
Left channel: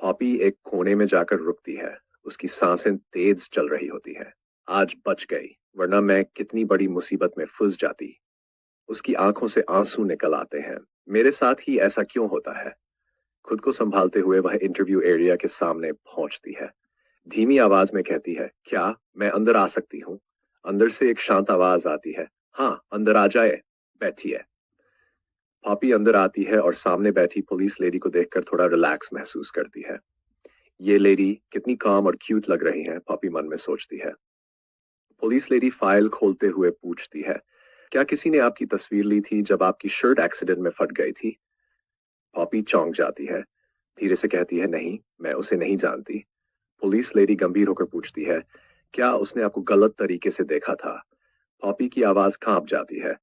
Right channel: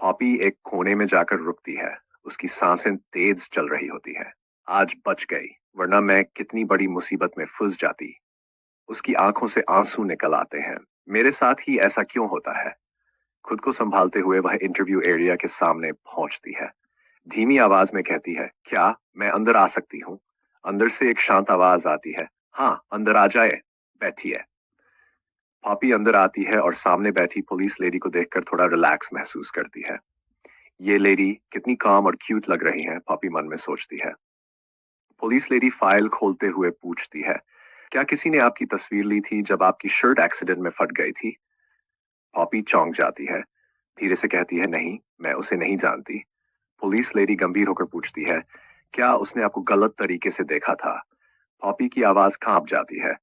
पॉपी एक कोने में जाकर रुकती है। उसकी सांसें तेज चल रही होती है। आज बच गई, वरना मैं कितनी बड़ी मुसीबत में फंस जाती। उसकी आंखों से आंसू निकल आते हैं। मेरे साथ ही ऐसा क्यों होता है? खुद को संभालते हुए वह इंटरव्यू एरिया के सामने पहुंचती है। धीमी आवाज में कहती है, क्या मैं अंदर आ सकती हूँ? अंदर से एक शांत आवाज आती है, हाँ, अंदर आ जाए, बैठिए। पॉपी अंदर आती है और सामने बैठी पुलिस लेडी को देखकर थोड़ा रिलैक्स महसूस करती है। ये लेडी कितनी काम और क्यूट लग रही है, पॉपी मन में सोचती है। पुलिस लेडी फाइल खोलते हुए पूछती है, क्या किसी ने आपकी तस्वीर ली थी जब आपकी शर्ट एक्सीडेंट में फट गई थी? पॉपी चौंक जाती है। धीरे से कहती है, नहीं, मैं उसे नहीं जानती। पुलिस लेडी गंभीर होकर पूछती है, क्या उसने आपको गलत तरीके से देखा था? पॉपी की आवाज कांप जाती है,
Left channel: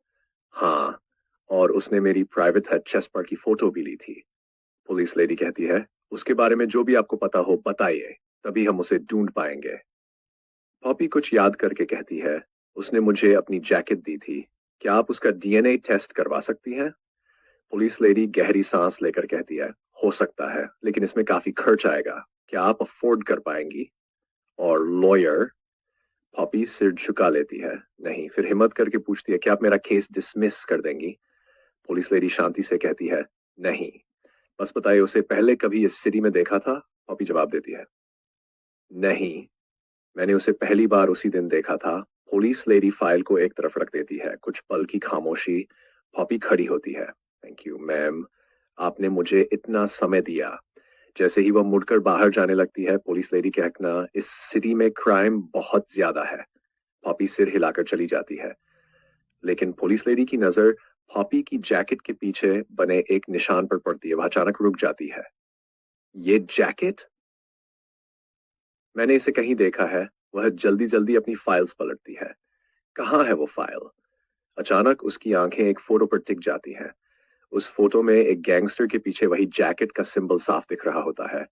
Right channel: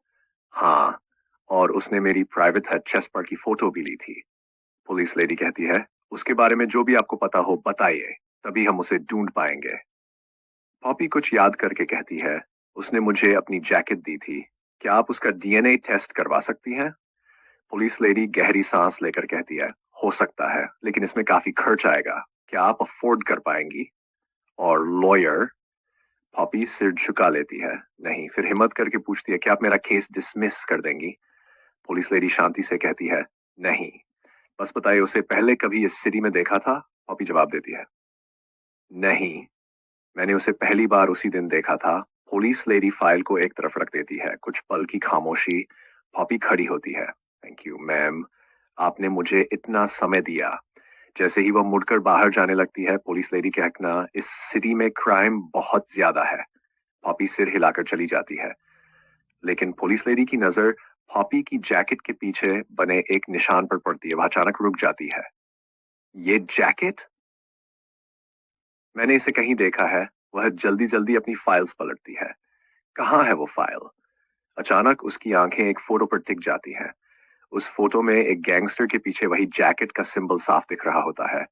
हाँ, और उसने मेरी प्राइवेट चेस्ट पर की फोटो भी ली थी। पुलिस लेडी कहती है, उसके बारे में जो भी आपको पता हो बताइए, तभी हम उसे ढूंढ पाएंगे। पॉपी कुछ याद करके कहती है, उसने मुझे अपनी जैकेट दी थी, क्या आप उसका डीएनए टेस्ट करवा सकती हैं? पुलिस लेडी गहरी सांस लेकर कहती है, हो सकता है, लेकिन इसमें काफी खर्च आएगा, क्या आप अफोर्ड कर पाएंगी? और लॉयर? पॉपी सिर झुका लेती है, नहीं। फिर हिम्मत करके पूछती है, क्या आप मेरा केस डिसमिस कर देंगी? पुलिस लेडी शांति से कहती है, नहीं, बस बताइए, उसे पहले कभी इस सिटी में देखा था? पॉपी जवाब देती है, नहीं, मैंने उसे पहली बार उसी दिन देखा था। पुलिस लेडी फाइल को एक तरफ रख देती है। कुछ पल की खामोशी। पॉपी खड़ी होती है, थैंक यू मैम, आपने मुझे इतना समय दिया। जैसे ही वह मुड़कर बाहर जाने लगती है, पुलिस लेडी कहना, इस सिटी में क्राइम बहुत ज्यादा है। पॉपी सिर हिलाकर चली जाती है, लेकिन पुलिस लेडी की नजर पॉपी की जैकेट के पीछे बने एक निशान पर पड़ती है। वह अचानक रुक जाती है, ये जैकेट, मैंने इसे कहीं देखा है। वह जल्दी जल्दी अपनी फाइल्स पलटती है, कहाँ है वो फाइल? अचानक उसकी आंखें एक फोटो पर टिक जाती हैं। उस फोटो में एक गैंगस्टर के पीछे वही जैकेट का सिंबल साफ दिख रहा होता है।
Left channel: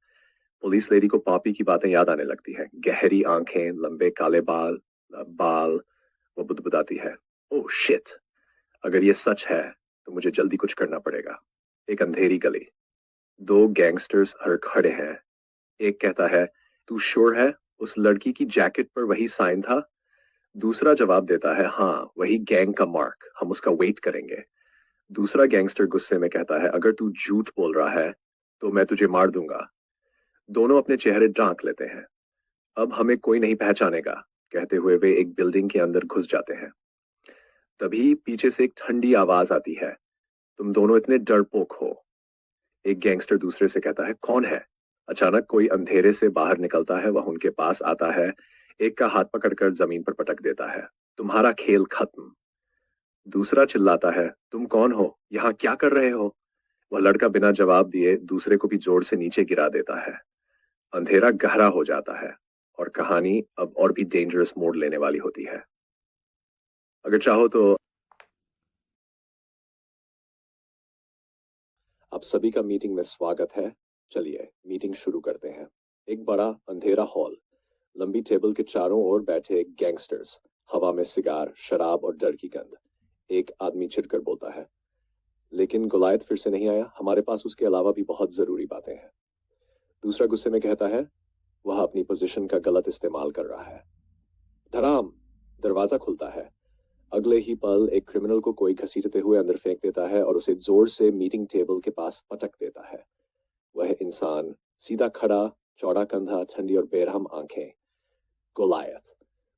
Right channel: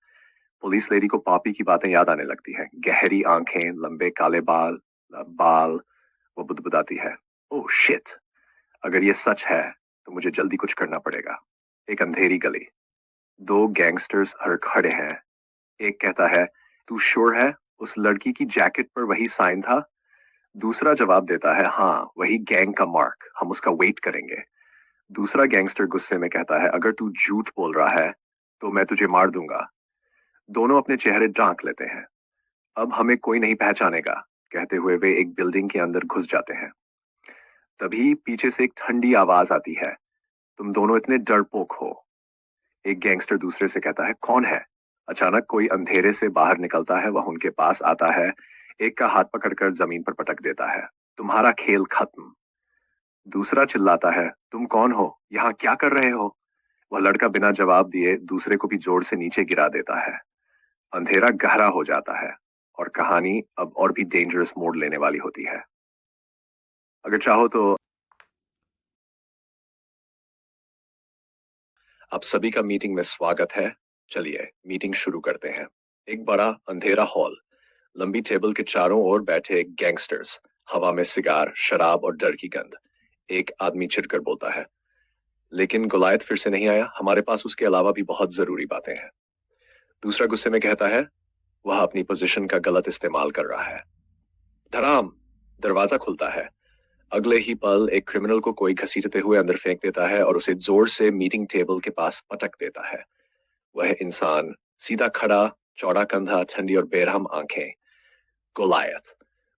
पुलिस लेडी को पॉपी की बातें याद आने लगती हैं। गहरी आंखें, लंबे काले बाल बाल वो बुदबुदाती है, ओह शिट, अगर ये सच है तो मुझे जल्दी कुछ करना पड़ेगा। एक अंधेरी गली, दो गैंगस्टर्स हर खड़े हैं। एक कहता है, तू श्योर है उस लड़की की जैकेट पर वही साइन था? दूसरा जवाब देता है, हाँ वही गैंग का मार्क, हम उसका वेट करेंगे। दूसरा गैंगस्टर गुस्से में कहता है, अगर तू झूठ बोल रहा है तो मैं तुझे मार दूंगा। दोनों अपने चेहरे ढांक लेते हैं। अब हमें कोई नहीं पहचानेगा, कहते हुए वे एक बिल्डिंग के अंदर घुस जाते हैं। तभी पीछे से एक ठंडी आवाज आती है, तुम दोनों इतने डरपोक हो। एक गैंगस्टर दूसरे से कहता है, कौन है? अचानक कोई अंधेरे से बाहर निकलता है, वह उनके पास आता है, एक का हाथ पकड़कर जमीन पर पटक देता है, तुम्हारा खेल खत्म। दूसरा चिल्लाता है, तुम कौन हो, यहाँ क्या कर रहे हो? वह लड़का बिना जवाब दिए दूसरे को भी जोर से नीचे गिरा देता है। अंधेरा गहरा हो जाता है और कहानी अब और भी डेंजरस मोड़ लेने वाली होती है। अगर चाहो तो आप सभी का मीटिंग में स्वागत है। चलिए मीटिंग शुरू करते हैं। एक बड़ा अंधेरा हॉल, लंबी टेबल के चारों ओर बैठे गैंगस्टर्स, हवा में सिगार, शराब और डर की गंध। एक आदमी चिढ़कर बोलता है, लेकिन गोलायत फिर से नहीं आया, हमारे पास उसके अलावा भी बहुत जरूरी बातें हैं। दूसरा गुस्से में कहता है, वह अपनी पोजीशन का गलत इस्तेमाल कर रहा है। धड़ाम, दरवाजा खुलता है। अगले ही पल एक क्रिमिनल को कोई घसीटते हुए अंदर फेंक देता है और उसे जोर से मीटिंग टेबल के पास पटक देता है। वह इंसान सीधा खड़ा, चौड़ा कंधा, ठंडी और बेरहम आंखें, गोलायत।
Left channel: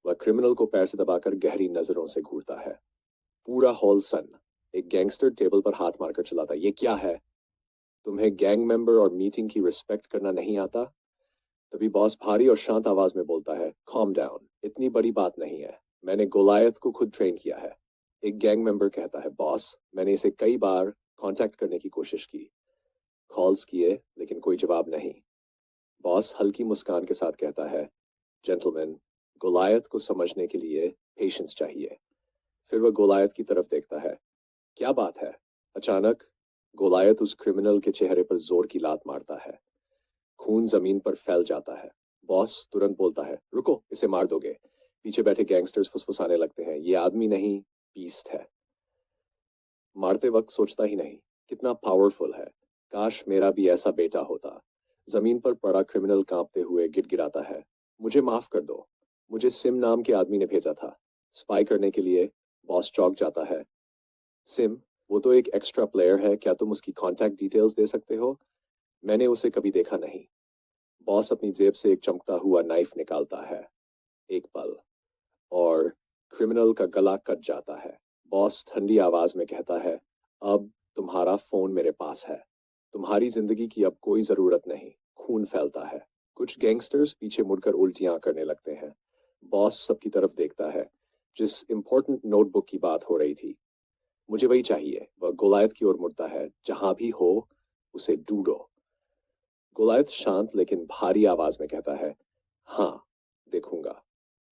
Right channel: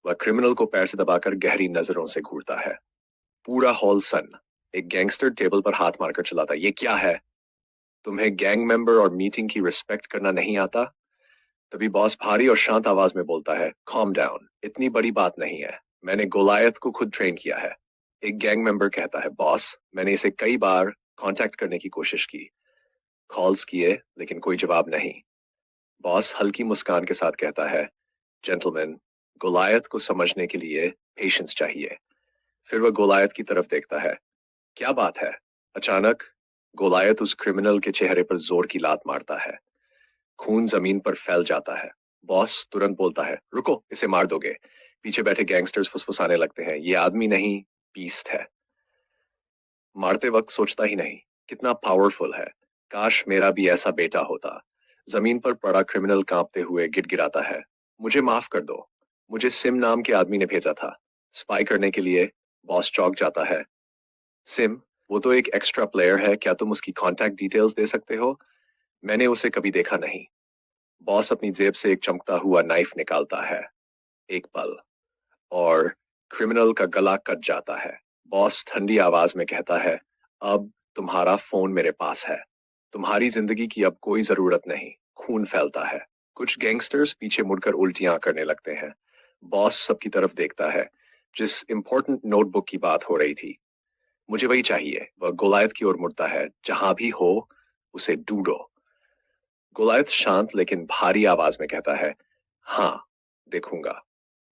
वह क्रिमिनल को पैर से दबाकर गहरी नजरों से घूरता है। पूरा हॉल सन्न। एक गैंगस्टर टेबल पर हाथ मारकर चिल्लाता, ये क्या है? तुम्हें गैंग मेंबर और मीटिंग की रिस्पेक्ट करना नहीं आता? तभी बॉस भारी और शांत आवाज में बोलता है, कॉम डाउन, इतनी बड़ी बात नहीं है, मैंने गोलायत को खुद ट्रेन किया है। एक गैंग मेंबर कहता है, बॉस मैंने इसे कई बार कांटेक्ट करने की कोशिश की, कॉल्स किए लेकिन कोई जवाब नहीं। बॉस हल्की मुस्कान के साथ कहता है, जेंटलमैन, गोलायत को समझने के लिए पेशेंस चाहिए। फिर वह गोलायत की तरफ देखता है, क्या बात है? अचानक गोलायत उस क्रिमिनल के चेहरे पर जोर की लात मारता है। खून जमीन पर फैल जाता है। बॉस तुरंत बोलता है, रुको, इसे मार दोगे। पीछे बैठे गैंगस्टर्स फुसफुसाने लगते हैं, ये आदमी नहीं, बीस्ट है। मारते वक्त सोचता ही नहीं, कितना पावरफुल है, काश मेरा भी ऐसा बेटा होता। जमीन पर पड़ा क्रिमिनल कांपते हुए गिड़गिड़ाता है, मुझे माफ कर दो, मुझे सिम नाम के आदमी ने भेजा था स्पाई करने के लिए। बॉस चौंक जाता है, सिम? वो तो एक एक्स्ट्रा प्लेयर है, क्या तुम उसकी कांटेक्ट डिटेल्स दे सकते हो? मैंने उसे कभी देखा नहीं। बॉस अपनी जेब से एक चमकता हुआ नाइफ निकालता है। एक पल और क्रिमिनल का गला कट जाता है। बॉस ठंडी आवाज में कहता है, अब तुम्हारा फोन मेरे पास है, तुम्हारी जिंदगी की अब कोई जरूरत नहीं। खून फैलता है। कुछ गैंगस्टर्स पीछे मुड़कर उल्टियां करने लगते हैं। बॉस सबकी तरफ देखता है। जिस इंपॉर्टेंट नोटबुक की बात हो रही थी, मुझे वही चाहिए। वह गोलायत की ओर मुड़ता है, जहां भी हो उसे ढूंढो। गोलायत शांत लेकिन भारी आवाज में कहता है, हाँ देखूंगा।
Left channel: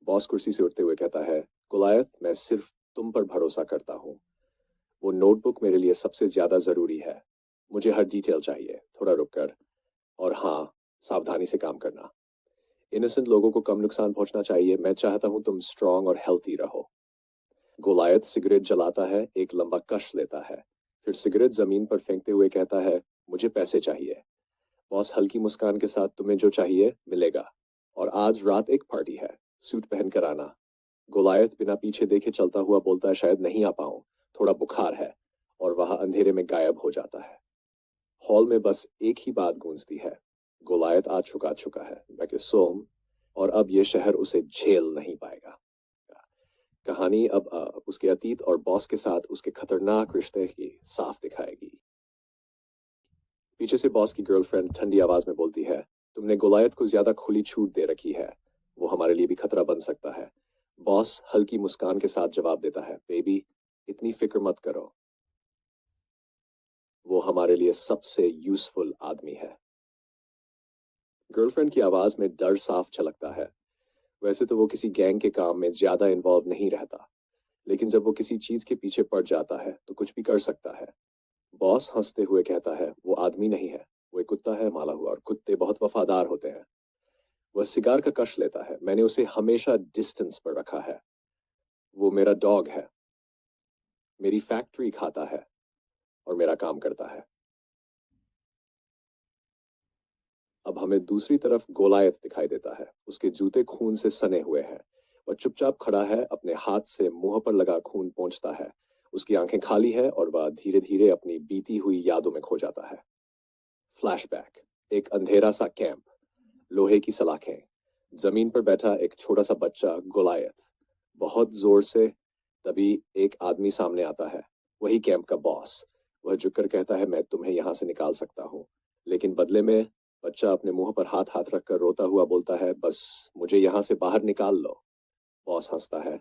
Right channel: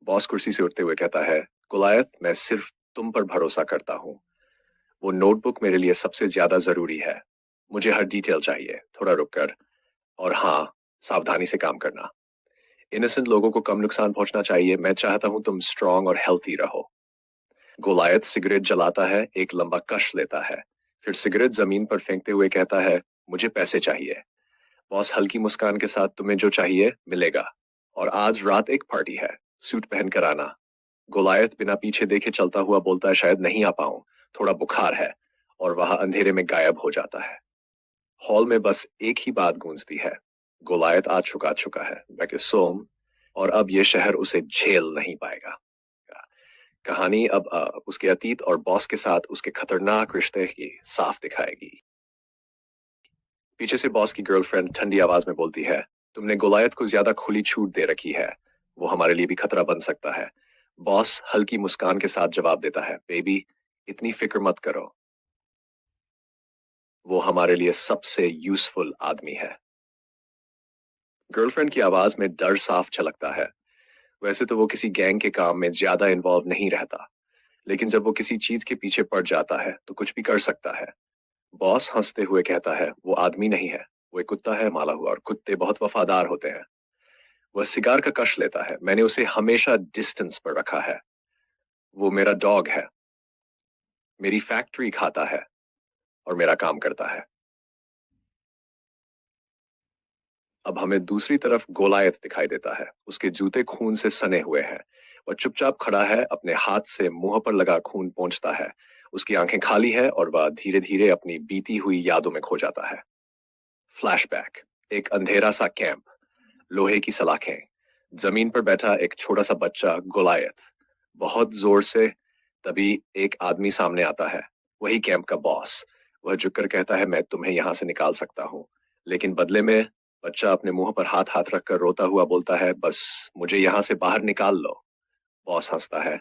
बॉस कुर्सी से उठते हुए कहता है, गोलायत मैं सिर्फ तुम पर भरोसा करता हूँ। वो नोटबुक मेरे लिए सबसे ज्यादा जरूरी है। मुझे हर डिटेल चाहिए, थोड़ा रुक कर। और हाँ, सावधानी से काम करना। इनोसेंट लोगों को कम नुकसान पहुंचना चाहिए। मैं चाहता हूं तुम स्ट्रांग और हेल्थी रहो। गोलायत सिगरेट जलाता है, एक लंबा कश लेता है, फिर सिगरेट जमीन पर फेंकते हुए कहता है, मुझे पैसे चाहिए। बॉस हल्की मुस्कान के साथ, तुम्हें जो चाहिए मिलेगा, और आज रात एक पार्टी है, सूट पहन कर आना। गोलायत बिना पीछे देखे चलता हुआ बोलता है, शायद नहीं आ पाऊं, थोड़ा बुखार है, और वह अंधेरे में गायब हो जाता है। हॉल में बस एक ही बात गूंजती है, गोलायत आज चुका चुका है, बैके सोम, और अब यह शहर उसे झेल नहीं पाएगा। कहानी अब उसके अतीत और बॉस के साथ उसके खतरनाक रिश्ते की साफ दिखाएगी। पीछे से बॉस की गर्लफ्रेंड ठंडी आवाज में बोलती है, तुमने गोलायत को ज्यादा खुली छूट दे रखी है, वो हमारे लिए भी खतरा बन सकता है। बॉस हल्की मुस्कान के साथ जवाब देता है, बेबी इतनी फिक्र मत करो, वो हमारे लिए सबसे यूजफुल आदमी है। गर्लफ्रेंड की आवाज में डर साफ झलकता है। वैसे तो वो किसी गैंग के काम में ज्यादा इन्वॉल्व नहीं रहता, लेकिन जब वो किसी चीज के पीछे पड़ जाता है तो कुछ भी कर सकता है। बॉस हंसते हुए कहता है, वो आदमी नहीं है, वो एक कुत्ता है माला हुआ, और कुत्ते बहुत वफादार होते हैं। वह सिगार का कश लेता है, मैंने उसे हमेशा डिस्टेंस पर रखा है, वो मेरा डॉग है। मेरी फैक्ट्री खाता है और मेरा काम करता है। अब हमें दूसरी तरफ गोलायत दिखाई देता है। उसके जूते खून से सने हुए हैं। वह चुपचाप खड़ा है, अपने हाथ से मुंह पर लगा खून पोंछता है। उसकी आंखें खाली है और वह धीरे धीरे अपनी बीती हुई यादों में खो जाता है। फ्लैशबैक। एक अंधेरा सा कैंप, लोहे की सलाखें, जमीन पर बैठा एक छोटा सा बच्चा गोलायत, बहुत जोर से। तभी एक आदमी सामने आता है, वही कैंप का बॉस। वह झुककर कहता है, मैं तुम्हें यहां से निकाल सकता हूँ, लेकिन बदले में। बच्चा अपने मुंह पर हाथ हाथ रखकर रोता हुआ बोलता है, बस मुझे यहां से बाहर निकाल लो। बॉस हंसता है,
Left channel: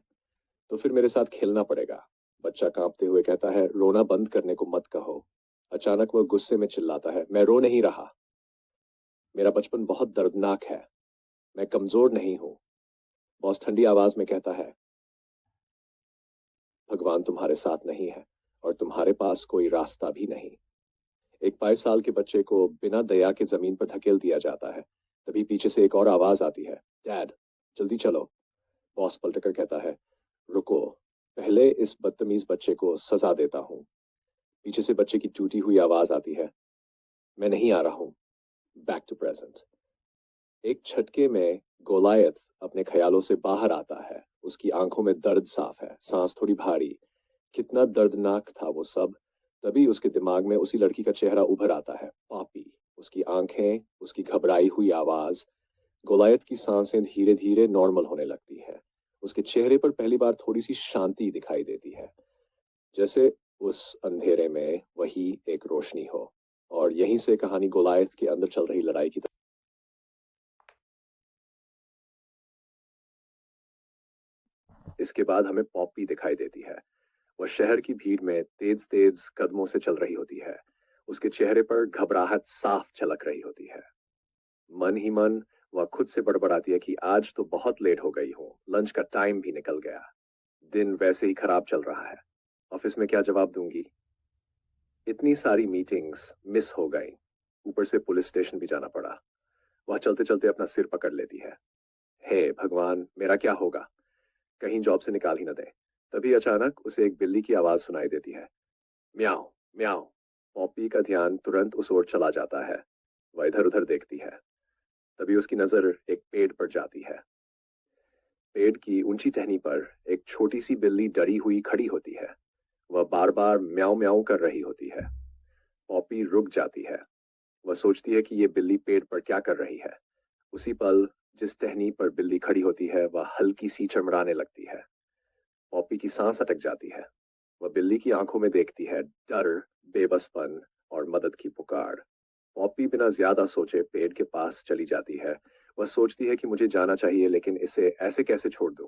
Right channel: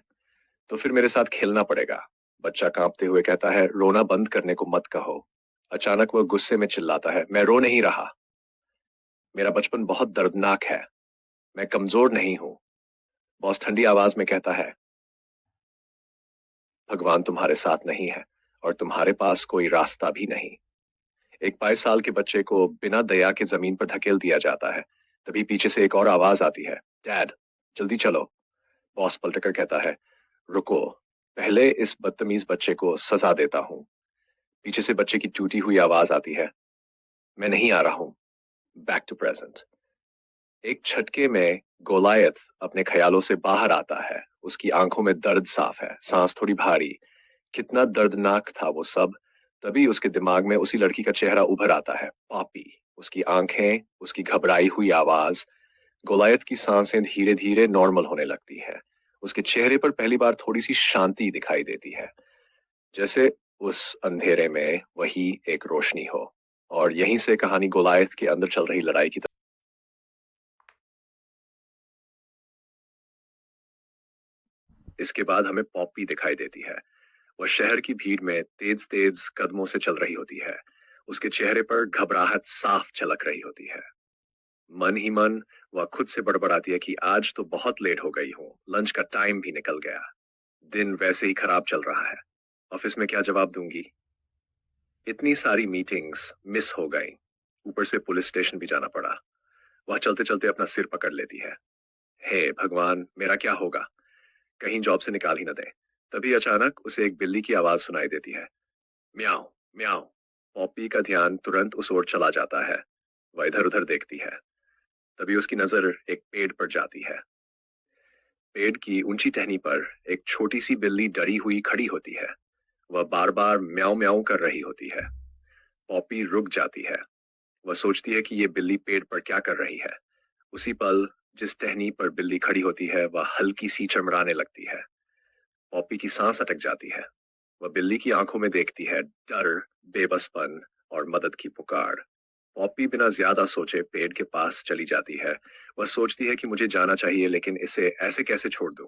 तो फिर मेरे साथ खेलना पड़ेगा। बच्चा कांपते हुए कहता है, रोना बंद करने को मत कहो। अचानक वह गुस्से में चिल्लाता है, मैं रो नहीं रहा। मेरा बचपन बहुत दर्दनाक है, मैं कमजोर नहीं हूं। बॉस ठंडी आवाज में कहता है, भगवान तुम्हारे साथ नहीं है और तुम्हारे पास कोई रास्ता भी नहीं। एक 22 साल के बच्चे को बिना दया के जमीन पर धकेल दिया जाता है। तभी पीछे से एक और आवाज आती है, डैड जल्दी चलो। बॉस पलटकर कहता है, रुको, पहले इस बदतमीज बच्चे को सजा देता हूँ। पीछे से बच्चे की टूटी हुई आवाज आती है, मैं नहीं आ रहा हूँ। Back to present. एक झटके में गोलायत अपने ख्यालों से बाहर आता है। उसकी आंखों में दर्द साफ है, सांस थोड़ी भारी। कितना दर्दनाक था वो सब। तभी उसके दिमाग में उसी लड़की का चेहरा उभर आता है, पॉपी। उसकी आंखें, उसकी घबराई हुई आवाज। गोलायत की सांसें धीरे धीरे नॉर्मल होने लगती है। उसके चेहरे पर पहली बार थोड़ी सी शांति दिखाई देती है, जैसे उस अंधेरे में वही एक रोशनी हो। और यहीं से कहानी गोलायत के अंदर चल रही लड़ाई की तरफ। इसके बाद हमें पॉपी दिखाई देती है। वह शहर की भीड़ में तेज तेज कदमों से चल रही होती है। उसके चेहरे पर घबराहट साफ झलक रही होती है। मन ही मन वह खुद से बड़बड़ाती है कि आज तो बहुत लेट हो गई हूँ, लंच का टाइम भी निकल गया। दिन वैसे ही खराब चल रहा है, ऑफिस में क्या जवाब दूंगी। इतनी सारी मीटिंग्स मिस हो गई, ऊपर से पुलिस स्टेशन भी जाना पड़ा। वह चलते चलते अपना सिर पकड़ लेती है, हे भगवान मेरा क्या होगा, कहीं जॉब से निकाल ही न दे। तभी अचानक उसे एक बिल्ली की आवाज सुनाई देती है, म्याऊं म्याऊं। पॉपी का ध्यान तुरंत उस ओर चला जाता है। वह इधर उधर देखती है। तभी उसकी नजर एक पेड़ पर जाती है। पेड़ की ऊंची टहनी पर एक छोटी सी बिल्ली डरी हुई खड़ी होती है। वह बार बार म्याऊं म्याऊं कर रही होती है। पॉपी रुक जाती है। वह सोचती है कि ये बिल्ली पेड़ पर क्या कर रही है। उसी पल जिस टहनी पर बिल्ली खड़ी होती है वह हल्की सी चमड़ाने लगती है। पॉपी की सांस अटक जाती है। वह बिल्ली की आंखों में देखती है डर, बेबसपन और मदद की पुकार। पॉपी बिना ज्यादा सोचे पेड़ के पास चली जाती है। वह सोचती है कि मुझे जाना चाहिए, लेकिन इसे ऐसे कैसे छोड़ दूं।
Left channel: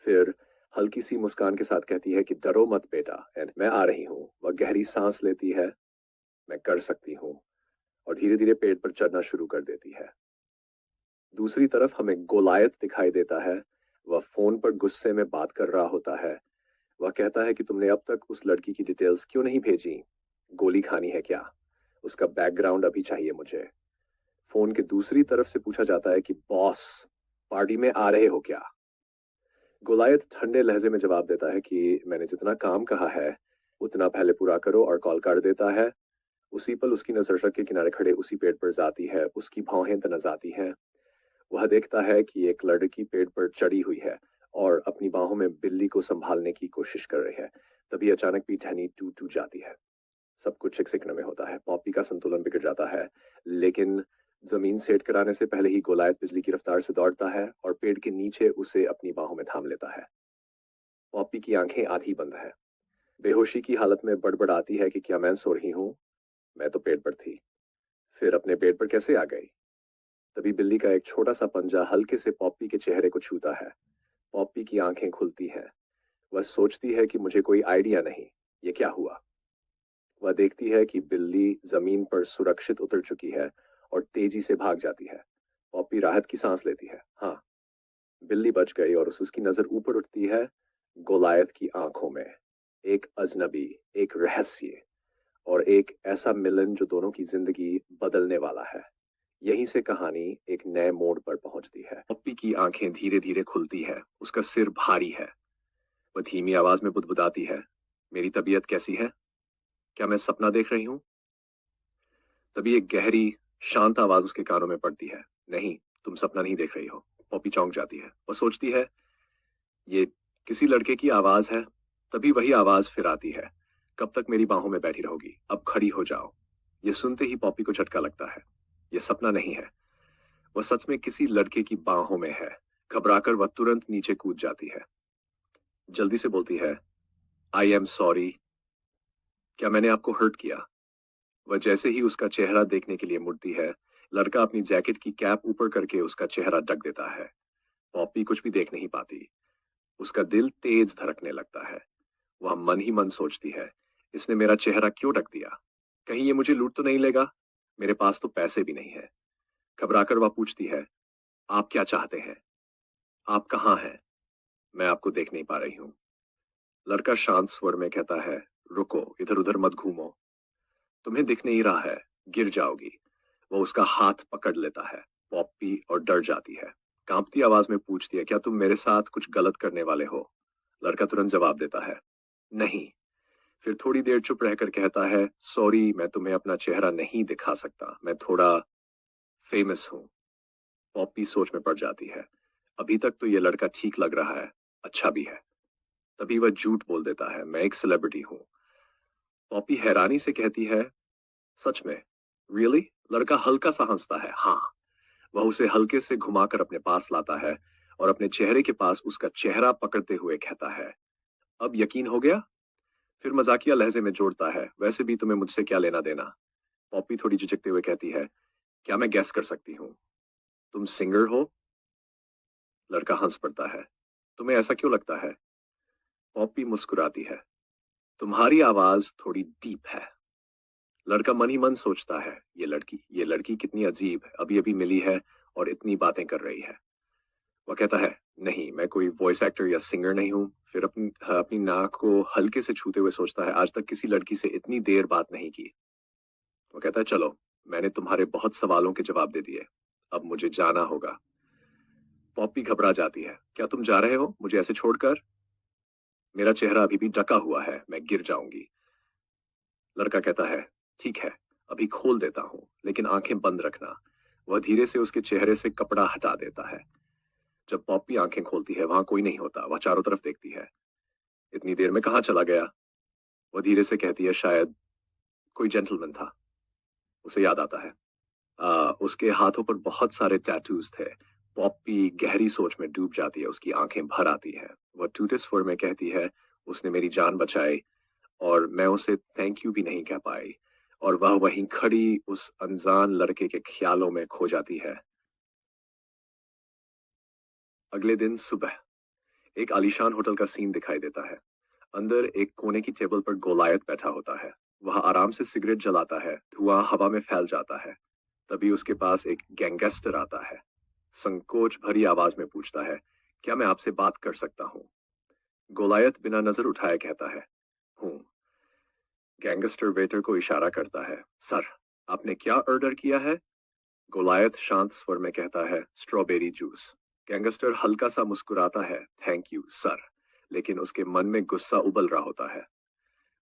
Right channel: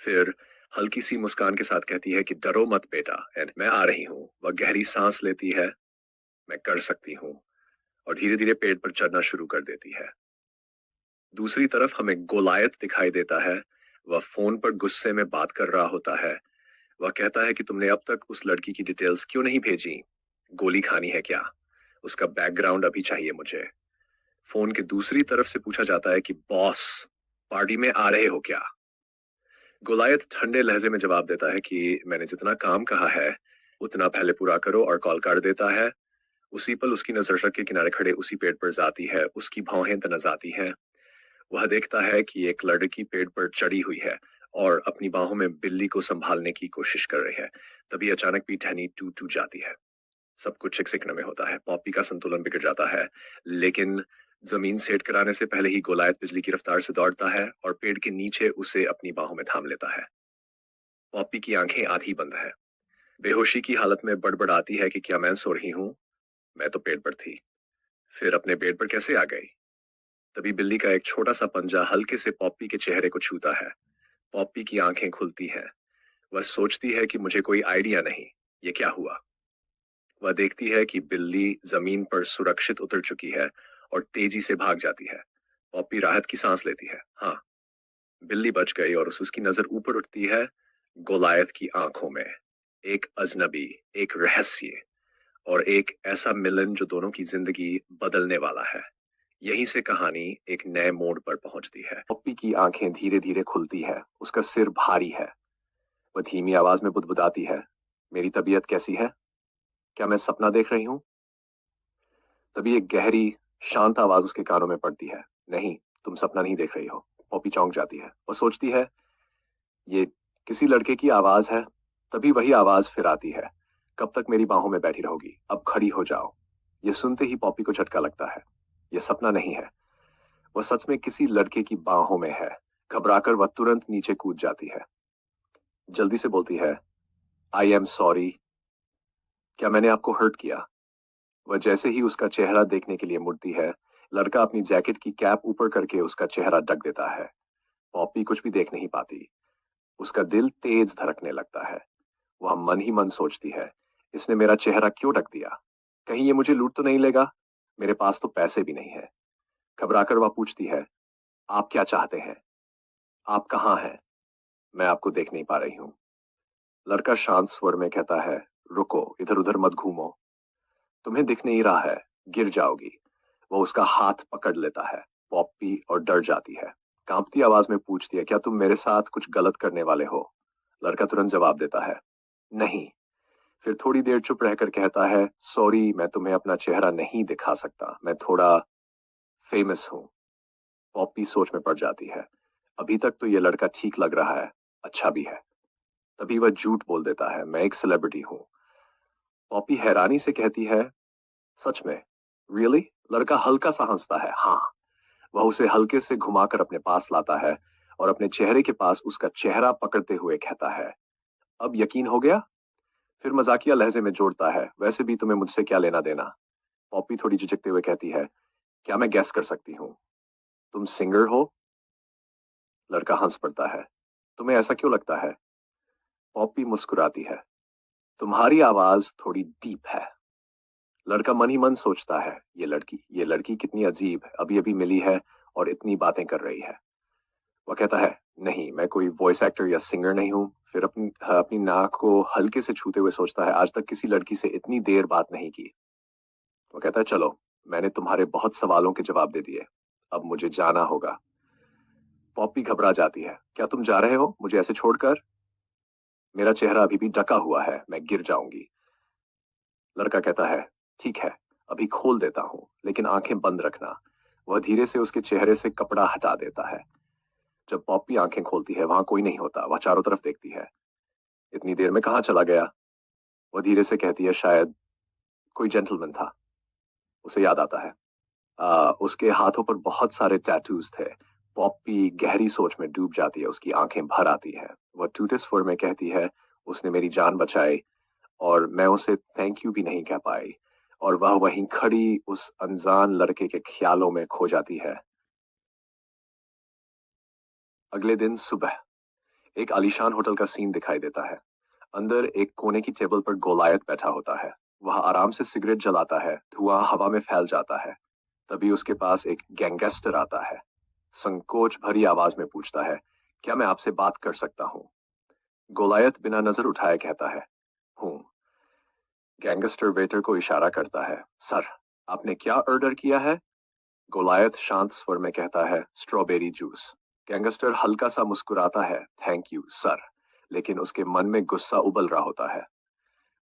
फिर हल्की सी मुस्कान के साथ कहती है कि डरो मत बेटा, एंड मैं आ रही हूँ। वह गहरी सांस लेती है, मैं कर सकती हूँ, और धीरे धीरे पेड़ पर चढ़ना शुरू कर देती है। दूसरी तरफ हमें गोलायत दिखाई देता है। वह फोन पर गुस्से में बात कर रहा होता है। वह कहता है कि तुमने अब तक उस लड़की की डिटेल्स क्यों नहीं भेजी। गोली खानी है क्या? उसका बैकग्राउंड अभी चाहिए मुझे। फोन के दूसरी तरफ से पूछा जाता है कि बॉस, पार्टी में आ रहे हो क्या? गोलायत ठंडे लहजे में जवाब देता है कि मैंने जितना काम कहा है उतना पहले पूरा करो, और कॉल कर देता है। उसी पल उसकी नजर सड़क के किनारे खड़े उसी पेड़ पर जाती है। उसकी भौहें तनस आती हैं। वह देखता है कि एक लड़की पेड़ पर चढ़ी हुई है और अपनी बाहों में बिल्ली को संभालने की कोशिश कर रही है। तभी अचानक भी टहनी टूट टूट जाती है। सब कुछ एक सेकंड में होता है। पॉपी का संतुलन बिगड़ जाता है, लेकिन जमीन सेट कराने से पहले ही गोलायत बिजली की रफ्तार से दौड़ता है और पेड़ के नीचे उसे अपनी बाहों में थाम लेता है। पॉपी की आंखें आधी बंद है। बेहोशी की हालत में बड़बड़ाती है कि क्या मैं सो रही हूँ? मैं तो पेड़ पर थी, फिर अपने पेड़ पर कैसे आ गई? तभी बिल्ली का एक छोटा सा पंजा हल्के से पॉपी के चेहरे को छूता है। पॉपी की आंखें खुलती हैं। वह सोचती है कि मुझे कोई आइडिया नहीं, ये क्या हुआ। वह देखती है कि बिल्ली जमीन पर सुरक्षित उतर चुकी है और तेजी से भाग जाती है। पॉपी राहत की सांस लेती है, हाँ, बिल्ली बच गई। और उसकी नजर ऊपर उठती है, गोलायत की आंखों में एक अजनबी, एक रहस्य, और एक ऐसा मिलन जो दोनों की जिंदगी बदलने वाला है। यहीं से कहानी एक नए मोड़ पर पहुंचती है। पॉपी की आंखें धीरे धीरे खुलती है। उसका सिर भारी है। वह धीमी आवाज में बुदबुदाती है, मेरी तबीयत कैसी है? क्या मैं सपना देख रही हूँ? तभी एक गहरी शांत आवाज उसके कानों में पड़ती है। नहीं, तुम सपना नहीं देख रही हो। पॉपी चौंक जाती है। वो सोचती है ये किसी लड़के की आवाज है। तभी वही आवाज फिर आती है। कब तक मेरी बाहों में बैठी रहोगी? अब खड़ी हो जाओ। ये सुनते ही पॉपी को झटका लगता है। ये सपना नहीं है, वह सच में किसी लड़के की बाहों में है। घबराकर वह तुरंत नीचे कूद जाती है। जल्दी से बोलती है, आई एम सॉरी। क्या मैंने आपको हर्ट किया? वह जैसे ही उसका चेहरा देखने के लिए मुड़ती है, लड़का अपनी जैकेट की कैप ऊपर करके उसका चेहरा ढक देता है। पॉपी कुछ भी देख नहीं पाती। उसका दिल तेज धड़कने लगता है। वह मन ही मन सोचती है, इसने मेरा चेहरा क्यों ढक दिया? कहीं ये मुझे लूट तो नहीं लेगा? मेरे पास तो पैसे भी नहीं है। घबराकर वह पूछती है, आप क्या चाहते हैं? आप कहाँ हैं? मैं आपको देख नहीं पा रही हूँ। लड़का शांत स्वर में कहता है, रुको, इधर उधर मत घूमो। तुम्हें दिख नहीं रहा है, गिर जाओगी। वो उसका हाथ पकड़ लेता है। पॉप्पी और डर जाती है। कांपती आवाज में पूछती है, क्या तुम मेरे साथ कुछ गलत करने वाले हो? लड़का तुरंत जवाब देता है, नहीं। फिर थोड़ी देर चुप रहकर कहता है, सॉरी, मैं तुम्हें अपना चेहरा नहीं दिखा सकता, मैं थोड़ा फेमस हूँ। पॉप्पी सोच में पड़ जाती है। अभी तक तो ये लड़का ठीक लग रहा है, अच्छा भी है। तभी वह झूठ बोल देता है, मैं एक सेलिब्रिटी हूँ। पॉप्पी हैरानी से कहती है, सच में? रियली? लड़का हल्का सा हंसता है। हाँ। वह उसे हल्के से घुमाकर अपने पास लाता है और अपने चेहरे के पास उसका चेहरा पकड़ते हुए कहता है, अब यकीन हो गया? फिर मजाकिया लहजे में जोड़ता है, वैसे भी तुम्हें मुझसे क्या लेना देना? पॉप्पी थोड़ी झिझकते हुए कहती है, क्या मैं गेस कर सकती हूँ? तुम सिंगर हो? लड़का हंस पड़ता है। तुम्हें ऐसा क्यों लगता है? पॉप्पी मुस्कुराती है, तुम्हारी आवाज थोड़ी डीप है। लड़का मन ही मन सोचता है, ये लड़की कितनी अजीब है, अभी अभी मिली है और इतनी बातें कर रही है। वह कहता है, नहीं, मैं कोई वॉइस एक्टर या सिंगर नहीं हूँ। फिर अपनी नाक को हल्के से छूते हुए सोचता है, आज तक किसी लड़की से इतनी देर बात नहीं की। वो कहता है, चलो, मैंने तुम्हारे बहुत सवालों के जवाब दे दिए, अब मुझे जाना होगा। पॉप्पी घबरा जाती है, क्या तुम जा रहे हो मुझे ऐसे छोड़कर? मेरा चेहरा अभी भी ढका हुआ है, मैं गिर जाऊंगी। लड़का कहता है, ठीक है, अभी खोल देता हूँ, लेकिन आंखें बंद रखना। वह धीरे से उसके चेहरे से कपड़ा हटा देता है। जब पॉप्पी आंखें खोलती है, वहां कोई नहीं होता। वह चारों तरफ देखती है। इतनी देर में कहाँ चला गया? वह धीरे से कहती है, शायद कोई जेंटलमैन था। उसे याद आता है, उसके हाथों पर बहुत सारे टैटूज थे। पॉप्पी गहरी सोच में डूब जाती है, उसकी आंखें भर आती है। वह टूटे स्वर में कहती है, उसने मेरी जान बचाई और मैं उसे थैंक यू भी नहीं कह पाई। और वह वहीं खड़ी उस अनजान लड़के के ख्यालों में खो जाती है। अगले दिन सुबह एक आलीशान होटल का सीन दिखाई देता है। अंदर एक कोने की टेबल पर गोलायत बैठा होता है। वह आराम से सिगरेट जलाता है। धुआं हवा में फैल जाता है। तभी उसके पास एक गैंगस्टर आता है। संकोच भरी आवाज में पूछता है, क्या मैं आपसे बात कर सकता हूँ? गोलायत बिना नजर उठाए कहता है, हूँ। गैंगस्टर वेटर को इशारा करता है, सर, आपने क्या ऑर्डर किया है? गोलायत शांत स्वर में कहता है, स्ट्रॉबेरी जूस। गैंगस्टर हल्का सा मुस्कुराता है, थैंक यू सर, लेकिन उसके मन में गुस्सा उबल रहा होता है।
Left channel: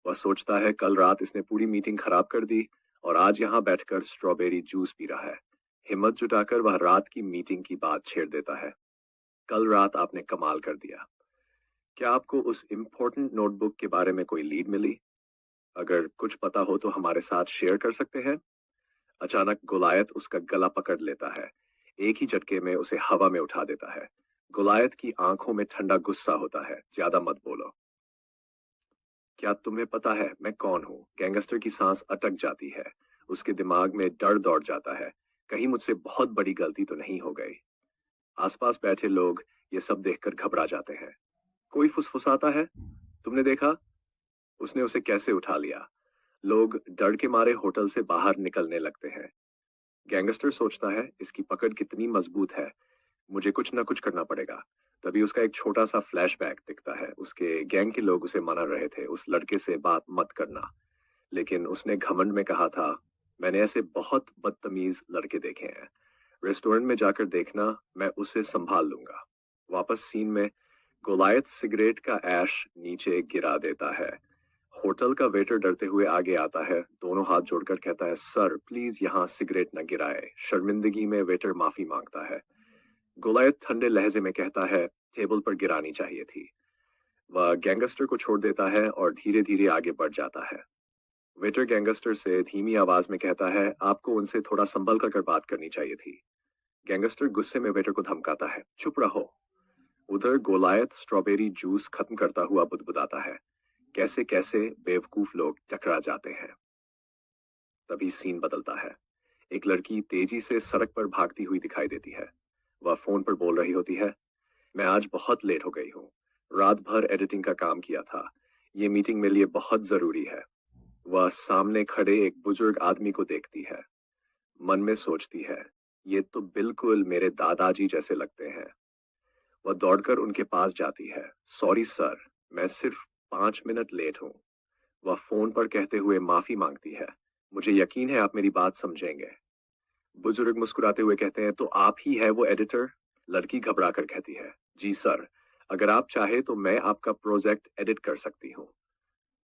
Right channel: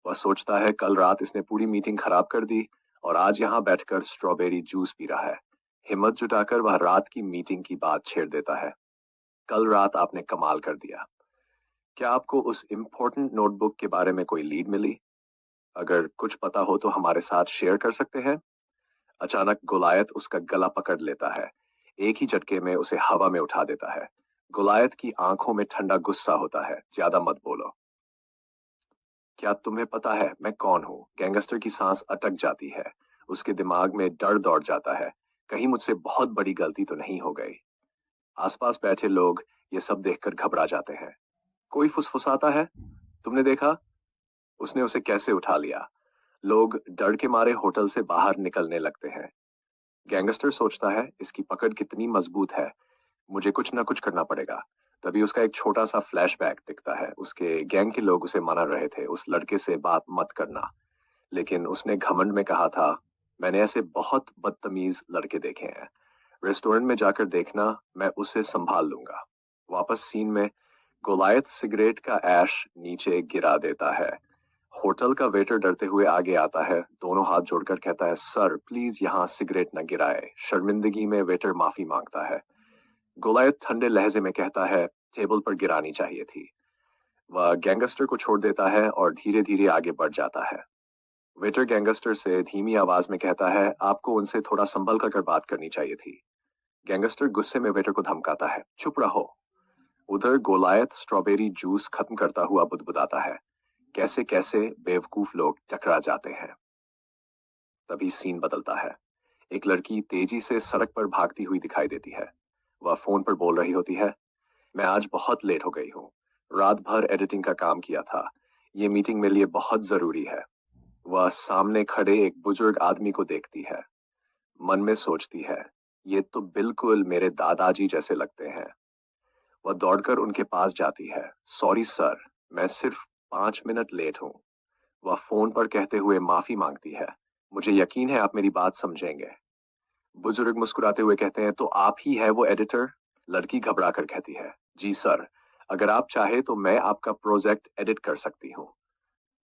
वह सोचता है, कल रात इसने पूरी मीटिंग खराब कर दी और आज यहाँ बैठकर स्ट्रॉबेरी जूस पी रहा है। हिम्मत जुटाकर वह रात की मीटिंग की बात छेड़ देता है, कल रात आपने कमाल कर दिया। क्या आपको उस इम्पोर्टेंट नोटबुक के बारे में कोई लीड मिली? अगर कुछ पता हो तो हमारे साथ शेयर कर सकते हैं। अचानक गोलायत उसका गला पकड़ लेता है। एक ही झटके में उसे हवा में उठा देता है। गोलायत की आंखों में ठंडा गुस्सा होता है, ज्यादा मत बोलो। क्या तुम्हें पता है मैं कौन हूँ? गैंगस्टर की सांस अटक जाती है। उसके दिमाग में डर दौड़ जाता है, कहीं मुझसे बहुत बड़ी गलती तो नहीं हो गई। आसपास बैठे लोग ये सब देखकर घबरा जाते हैं। कोई फुसफुसाता है, तुमने देखा? उसने उसे कैसे उठा लिया। लोग डर के मारे होटल से बाहर निकलने लगते हैं। गैंगस्टर सोचता है, इसकी पकड़ कितनी मजबूत है, मुझे कुछ ना कुछ करना पड़ेगा। तभी उसका एक छोटा सा फ्लैशबैक दिखता है। उसके गैंग के लोग उसे मना रहे थे, उस लड़के से बात मत करना, लेकिन उसने घमंड में कहा था, मैंने ऐसे बहुत बदतमीज लड़के देखे हैं, रेस्टोरेंट में जाकर देखना, मैं उसे संभाल लूंगा। वापस सीन में गोलायत सिगरेट का ऐश नीचे गिरा देता है। होटल का वेटर डरते हुए आगे आता है, दोनों हाथ जोड़कर कहता है, सर प्लीज यहाँ सिगरेट न गिराए। शर्मिंदगी में वेटर माफी मांगता है। गोलायत ठंडे लहजे में कहता है, टेबल पर गिरानी चाहिए थी। वह गैंगस्टर को छोड़ देता है और धीरे धीरे आगे बढ़ जाता है। वेटर गैंगस्टर से धीमी आवाज में कहता है, आपको उनसे थोड़ा संभल कर बात करनी चाहिए थी। गैंगस्टर गुस्से में वेटर को धमकाता है, चुप रहो। उधर गोलायत स्ट्रॉबेरी जूस खत्म करता हुआ बुदबुदाता है, कैसे कैसे बेवकूफ लोग टकरा जाते हैं। तभी सीन बदलता है। एक लड़की तेजी से सड़क पर भागती हुई दिखाई देती है। वह फोन पर बोल रही होती है, मैं आज बहुत लेट हो गई हूँ। रात भर एडिटिंग का काम किया था। ये मीटिंग मेरे लिए बहुत जरूरी है। वह सामने खड़े एक बुजुर्ग आदमी को देखती है। मन में सोचती है, ये तो बिल्कुल मेरे दादाजी जैसे लगते हैं। वह दौड़कर उनके पास जाती है। सॉरी सर, मैं सिर्फ 5 मिनट लेट हूँ। वह फोन पर कहते हुए माफी मांगती है, मुझे यकीन है आप मेरी बात समझेंगे। बुजुर्ग मुस्कुराते हुए कहते हैं, तो आप ही है वो एडिटर? लड़की घबरा कर कहती है, जी सर, अगर आप चाहे तो मैं आपका प्रोजेक्ट एडिट कर सकती हूँ।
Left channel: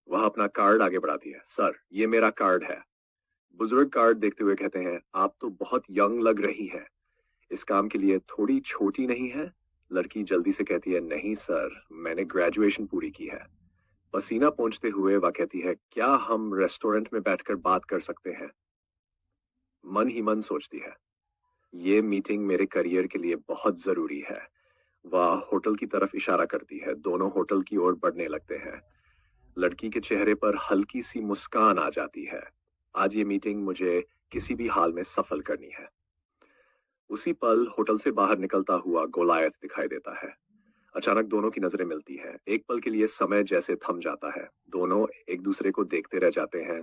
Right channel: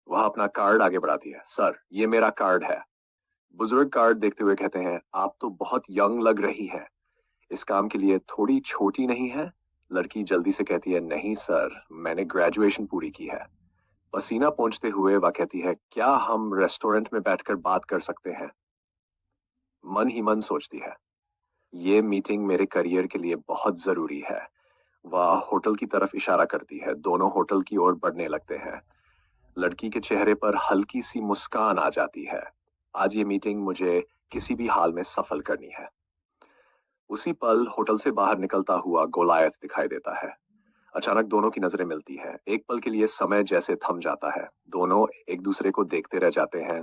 वह अपना कार्ड आगे बढ़ाती है, सर ये मेरा कार्ड है। बुजुर्ग कार्ड देखते हुए कहते हैं, आप तो बहुत यंग लग रही हैं। इस काम के लिए थोड़ी छोटी नहीं है? लड़की जल्दी से कहती है, नहीं सर, मैंने ग्रेजुएशन पूरी की है। पसीना पोंछते हुए वह कहती है, क्या हम रेस्टोरेंट में बैठकर बात कर सकते हैं? मन ही मन सोचती है, ये मीटिंग मेरे करियर के लिए बहुत जरूरी है। वह होटल की तरफ इशारा करती है। दोनों होटल की ओर बढ़ने लगते हैं। लड़की के चेहरे पर हल्की सी मुस्कान आ जाती है। आज ये मीटिंग मुझे किसी भी हाल में सफल करनी है। उसी पल होटल से बाहर निकलता हुआ गोलायत दिखाई देता है। अचानक दोनों की नजरें मिलती हैं। एक पल के लिए समय जैसे थम जाता है। दोनों एक दूसरे को देखते रह जाते हैं।